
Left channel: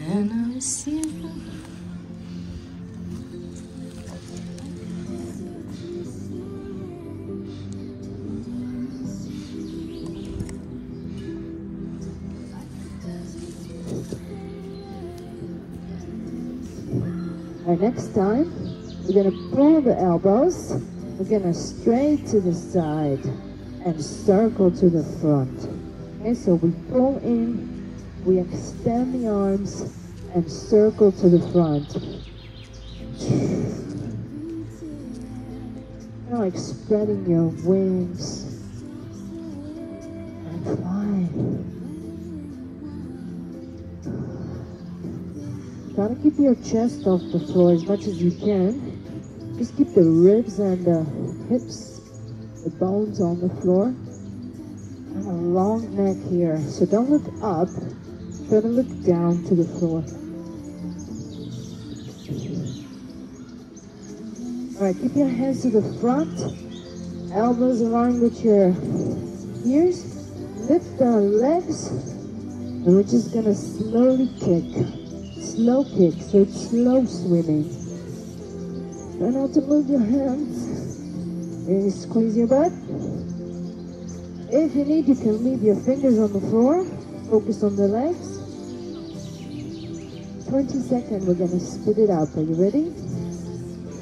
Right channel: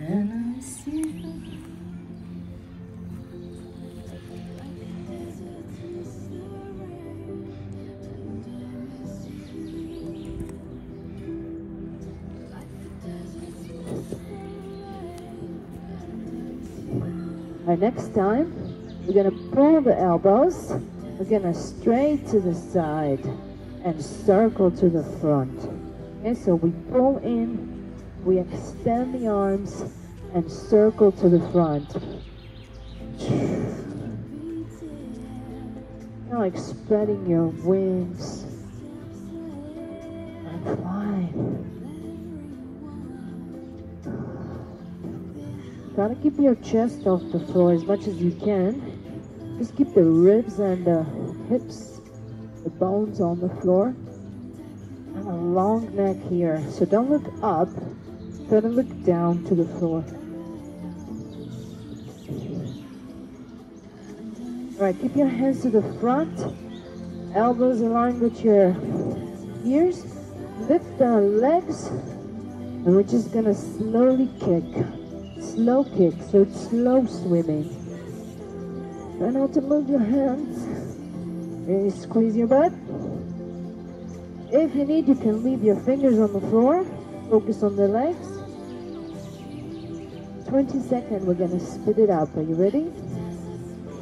And I receive it. Our next time, we're going to pull the elbows. We're going to straight to the side and circle to the front. Okay, so we pull in, we extend the arms and circle to the front. Now like spreading your wings and flying. Try to keep your chest off the floor as much as you can. Just keep the ribs and the hips, the bones on the floor. And a long neck here. So don't look up, try to look down to the floor. Alright, keep your hands to the front. Elbows aligned with your ears. Lift our legs. And we're just going to slowly kick. Slow kick, so it's slow swimming. Try not to move your hands. Really squeeze your butt. If you need, you can leave your fingers on the floor. Focus on the legs. 20 seconds, we're going to spit it out. Are you ready?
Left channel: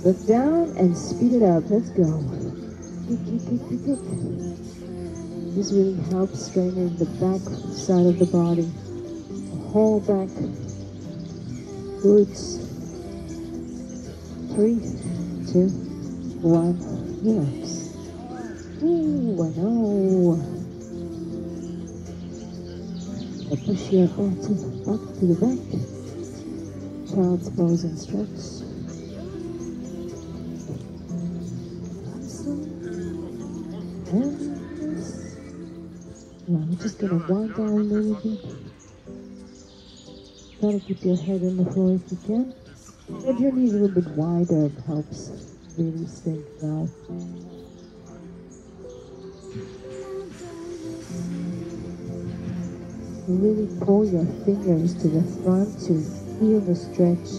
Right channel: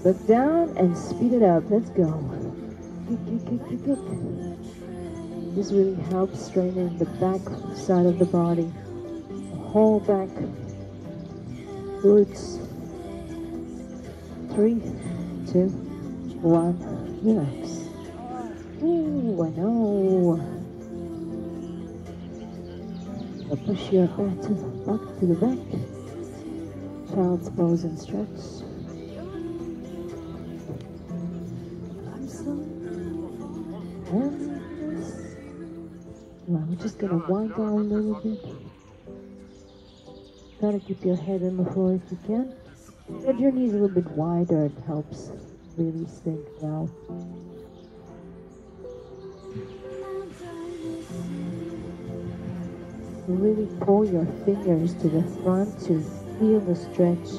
Look down and speed it out. Let's go. Kick, kick, kick, kick, kick. This really helps straighten the back side of the body. The whole back. Glutes. 3, 2, 1, relax. Ooh, I know. Now push your back to the back. Child's pose and stretch. Now we're just going to wind down a little bit. Try to keep your head on the floor if you can. Bend your knees a little bit wider, it helps really sink down. You really pull your fingers to the front to feel the stretch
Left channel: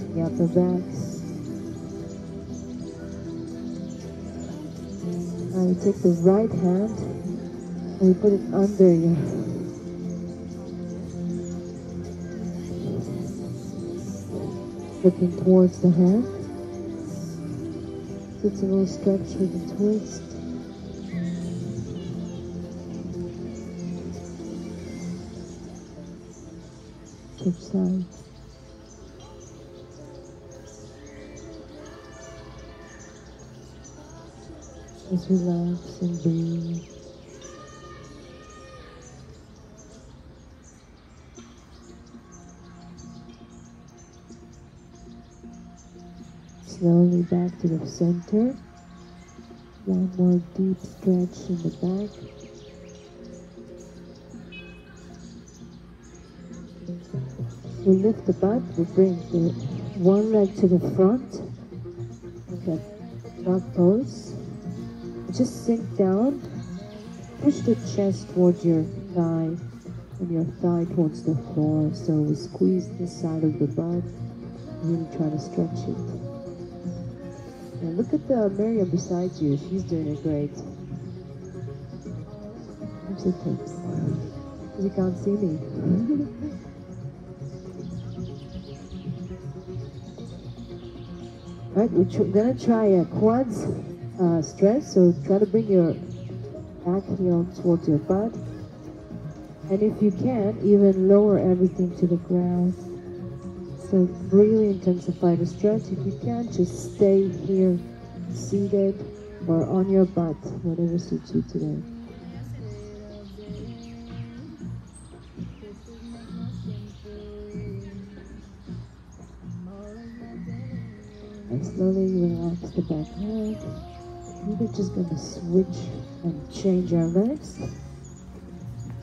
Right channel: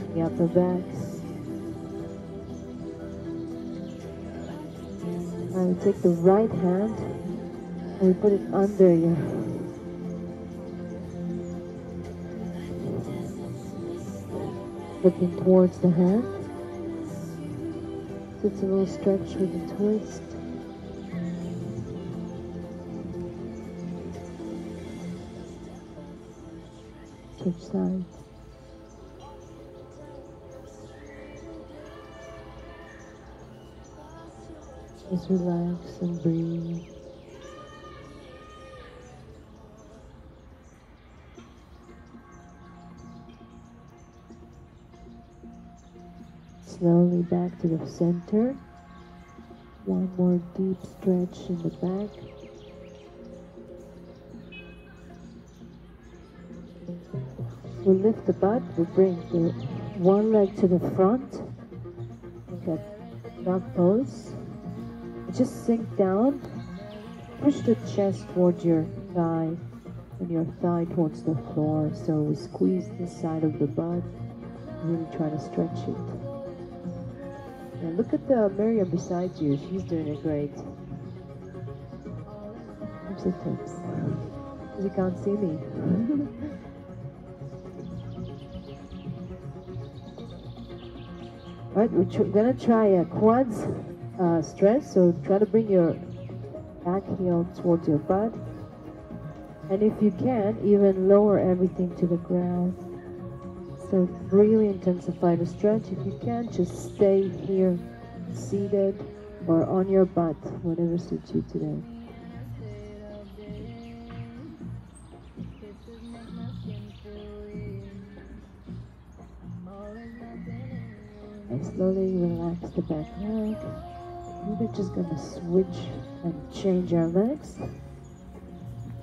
in the upper back. I will take the right hand and we put it under you. Looking towards the hand. It's a little stretch with a twist. Each side. Just relax and breathe. Slowly back to the center. One more deep stretch in the back. We lift the butt, we bring the one leg to the front, like a frog pose. Just sink down, push the chest towards your thigh, and your thigh towards the floor. So we squeeze the side of the butt, really try to stretch it. And look at the Miriam beside you, she's doing it great. I'm so tense, because you can't see me. Right, we're gonna try a quads stretch, so try to bring your back heel towards your butt. And if you can, even lower everything to the ground. So really intensify the stretch. If you can, just stay here, seated or on your butt, whatever suits you today. And slowly relax the back leg. We're just going to switch and change our legs.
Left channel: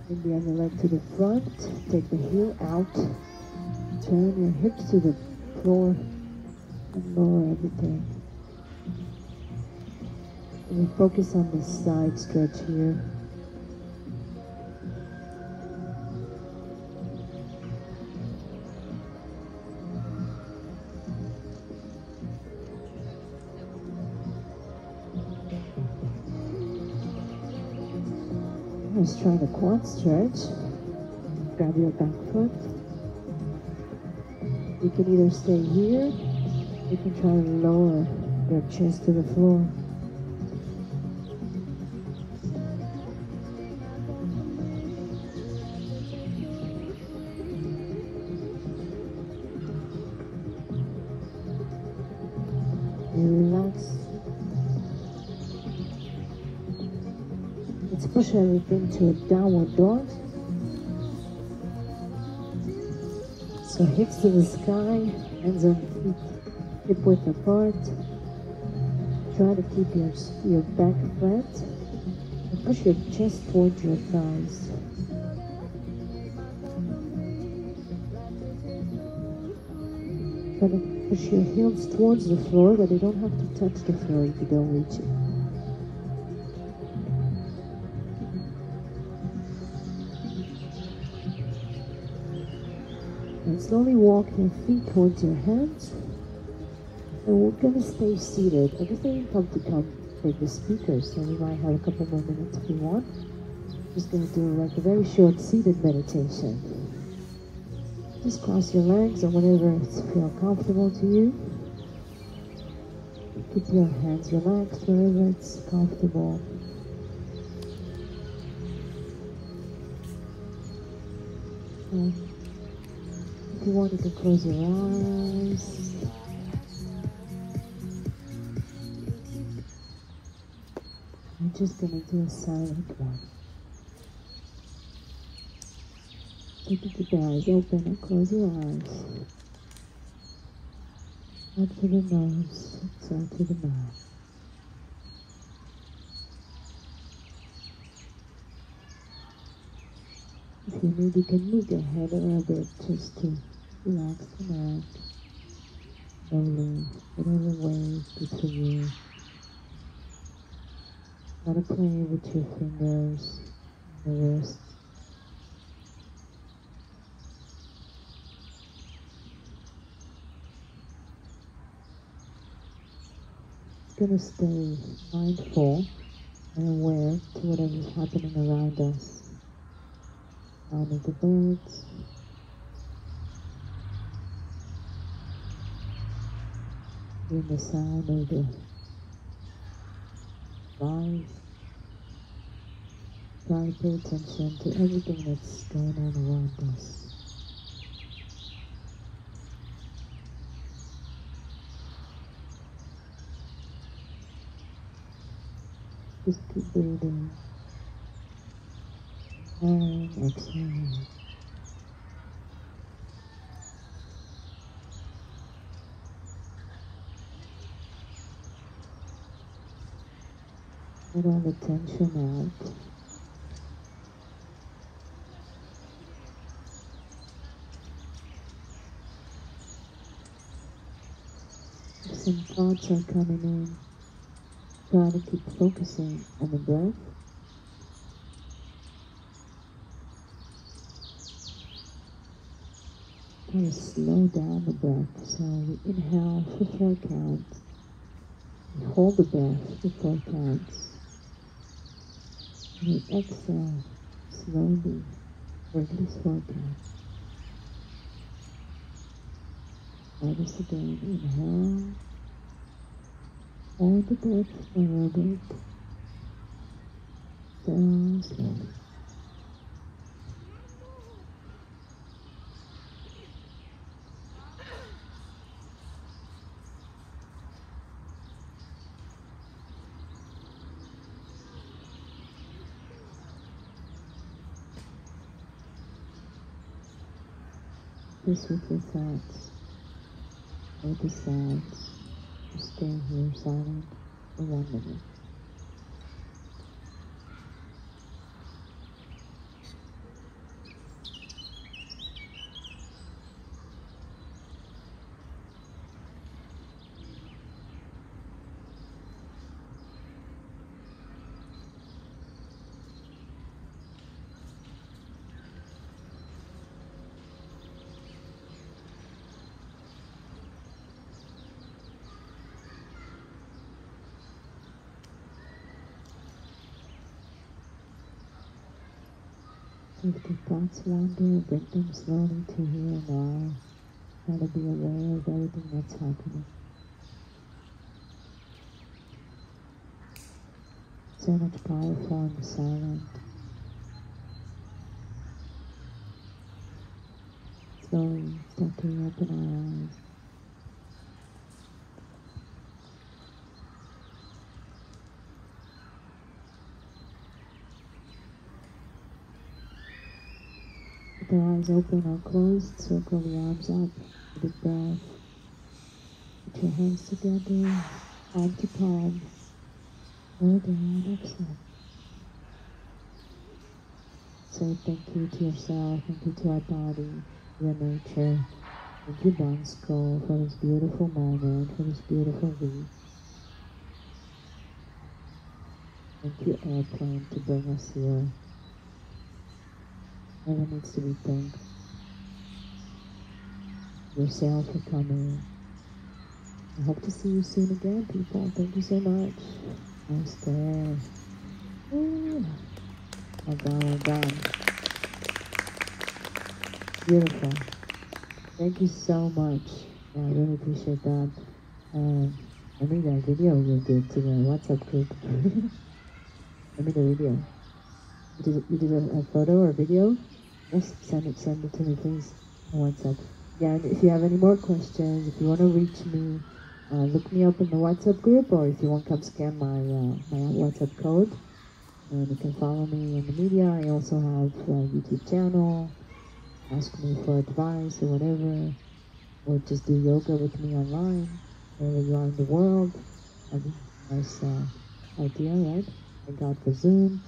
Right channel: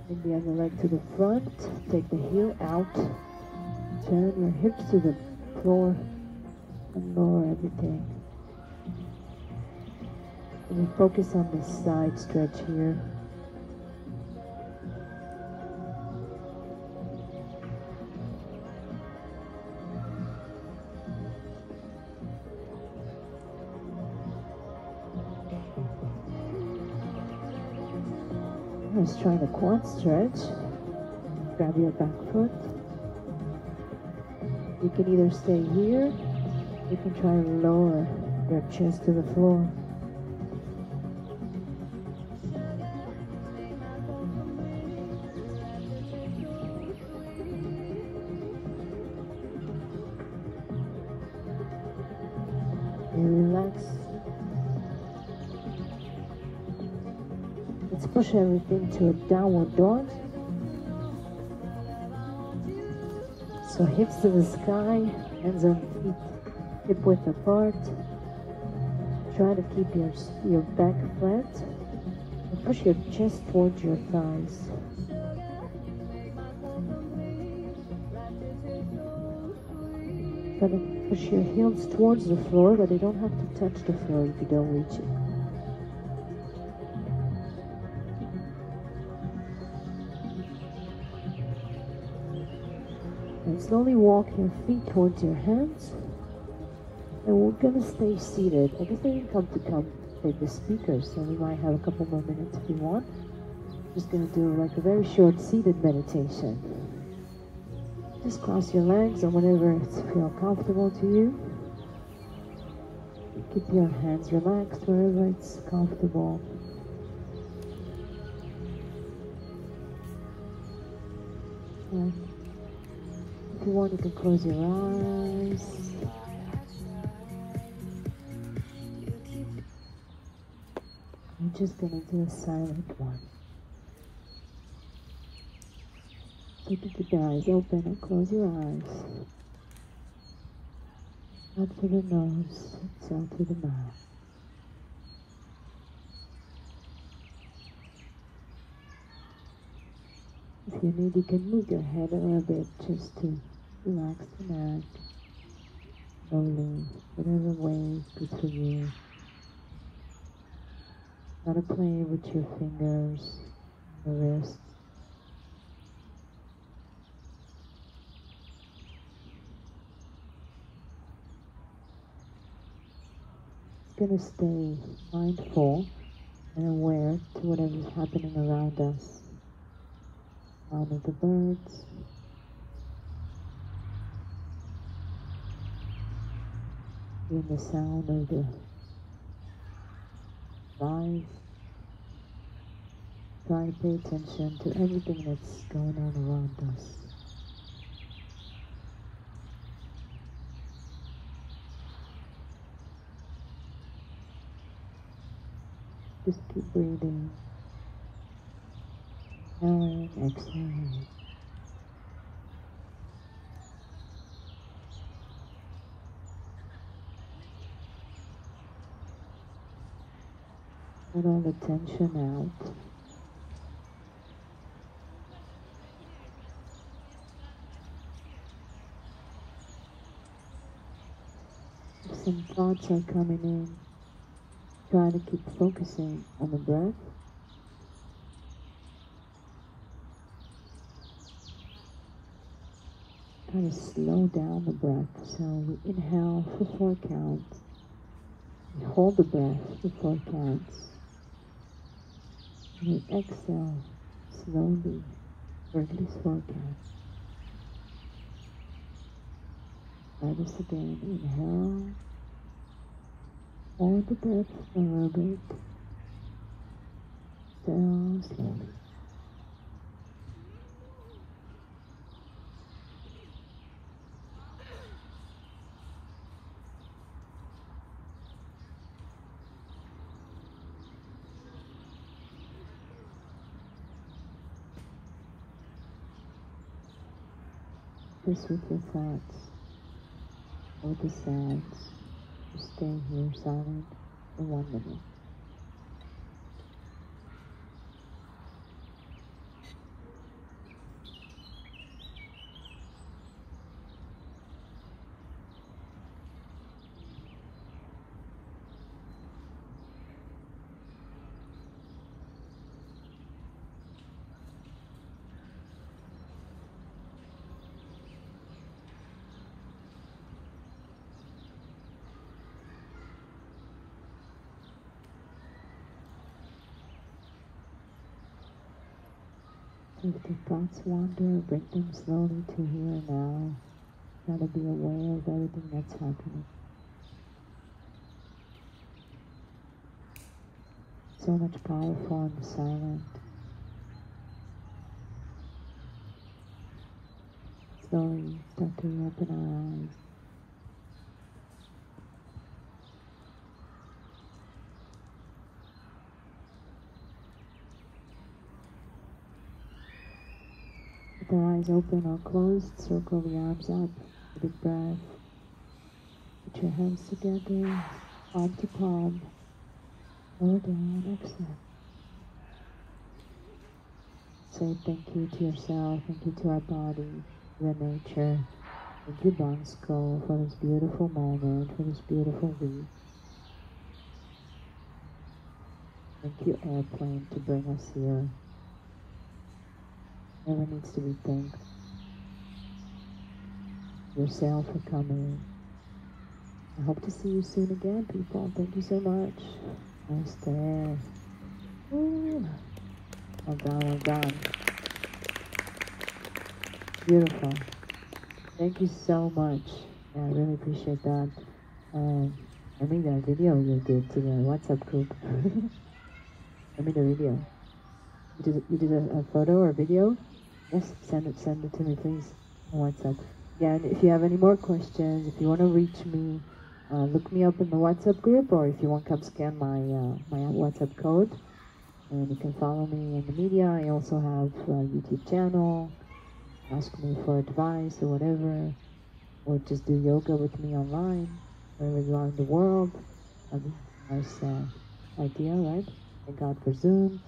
Bring the other leg to the front. Take the heel out. Turn your hips to the floor and lower everything. And we focus on this side stretch here. Let's try the quad stretch. Grab your back foot. You can either stay here, you can try to lower your chest to the floor. And relax. Let's push everything to a downward dog. So hips to the sky, hands on feet, hip width apart. Try to keep your back flat and push your chest towards your thighs. Try to push your heels towards the floor, but they don't have to touch the floor if you don't reach it. And slowly walk your feet towards your hands. And we're going to stay seated. I guess they come take the speakers, so we might have a couple more minutes if you want. Just going to do like a very short seated meditation. Just cross your legs and whenever it feels comfortable to you. Keep your hands relaxed wherever it's comfortable. And if you want, you can close your eyes. I'm just going to do a silent one. Keep your eyes open and close your eyes. One through the nose, exhale through the mouth. If you need, you can move your head a little bit just to relax the neck. Slowly, whatever way good for you. Try to play with your fingers and the wrists. going to stay mindful and aware to whatever is happening around us. Sound of the birds, hearing the sound of the flies. Try to pay attention to everything that's going on around us. Just keep breathing and exhale. Let all the tension out. If some thoughts are coming in, try to keep focusing on the breath. Try to slow down the breath. So we inhale for 4 counts. We hold the breath for 4 counts. And we exhale slowly for at least 4 counts. Try this again. Inhale. Hold the breath for a little bit. Down slowly. Just with your thoughts, with the sounds, just stay here silent for 1 minute. If the thoughts wander, bring them slowly to here and now. Try to be aware of everything that's happening. So much powerful and silent. Slowly start to open our eyes. With the eyes open or closed, circle the arms up, a big breath. Put your hands together, palm to palm, lower down, exhale. Say thank you to yourself, thank you to our body, the nature. Thank you, Bansko, for this beautiful moment, for this beautiful week. Thank you, airplane, to bring us here. Everyone needs to be thanked. Yourself for coming. I hope to see you soon again, people. Thank you so much. Namaste. Again. Beautiful. Thank you so much. Yeah, I really appreciate that. I made a video you did to the WhatsApp group. I made a video. You did a photo or video? Yes, send it to me, please. On WhatsApp. Again, if you have any more questions, if you want to reach me, look me up in the WhatsApp group, or if you want, come scan my WhatsApp code. And you can follow me in the media. I also have a YouTube channel. Ask me for advice or whatever. Or just do yoga with me online, wherever you are in the world. I mean, nice idea, right? I got for Zoom.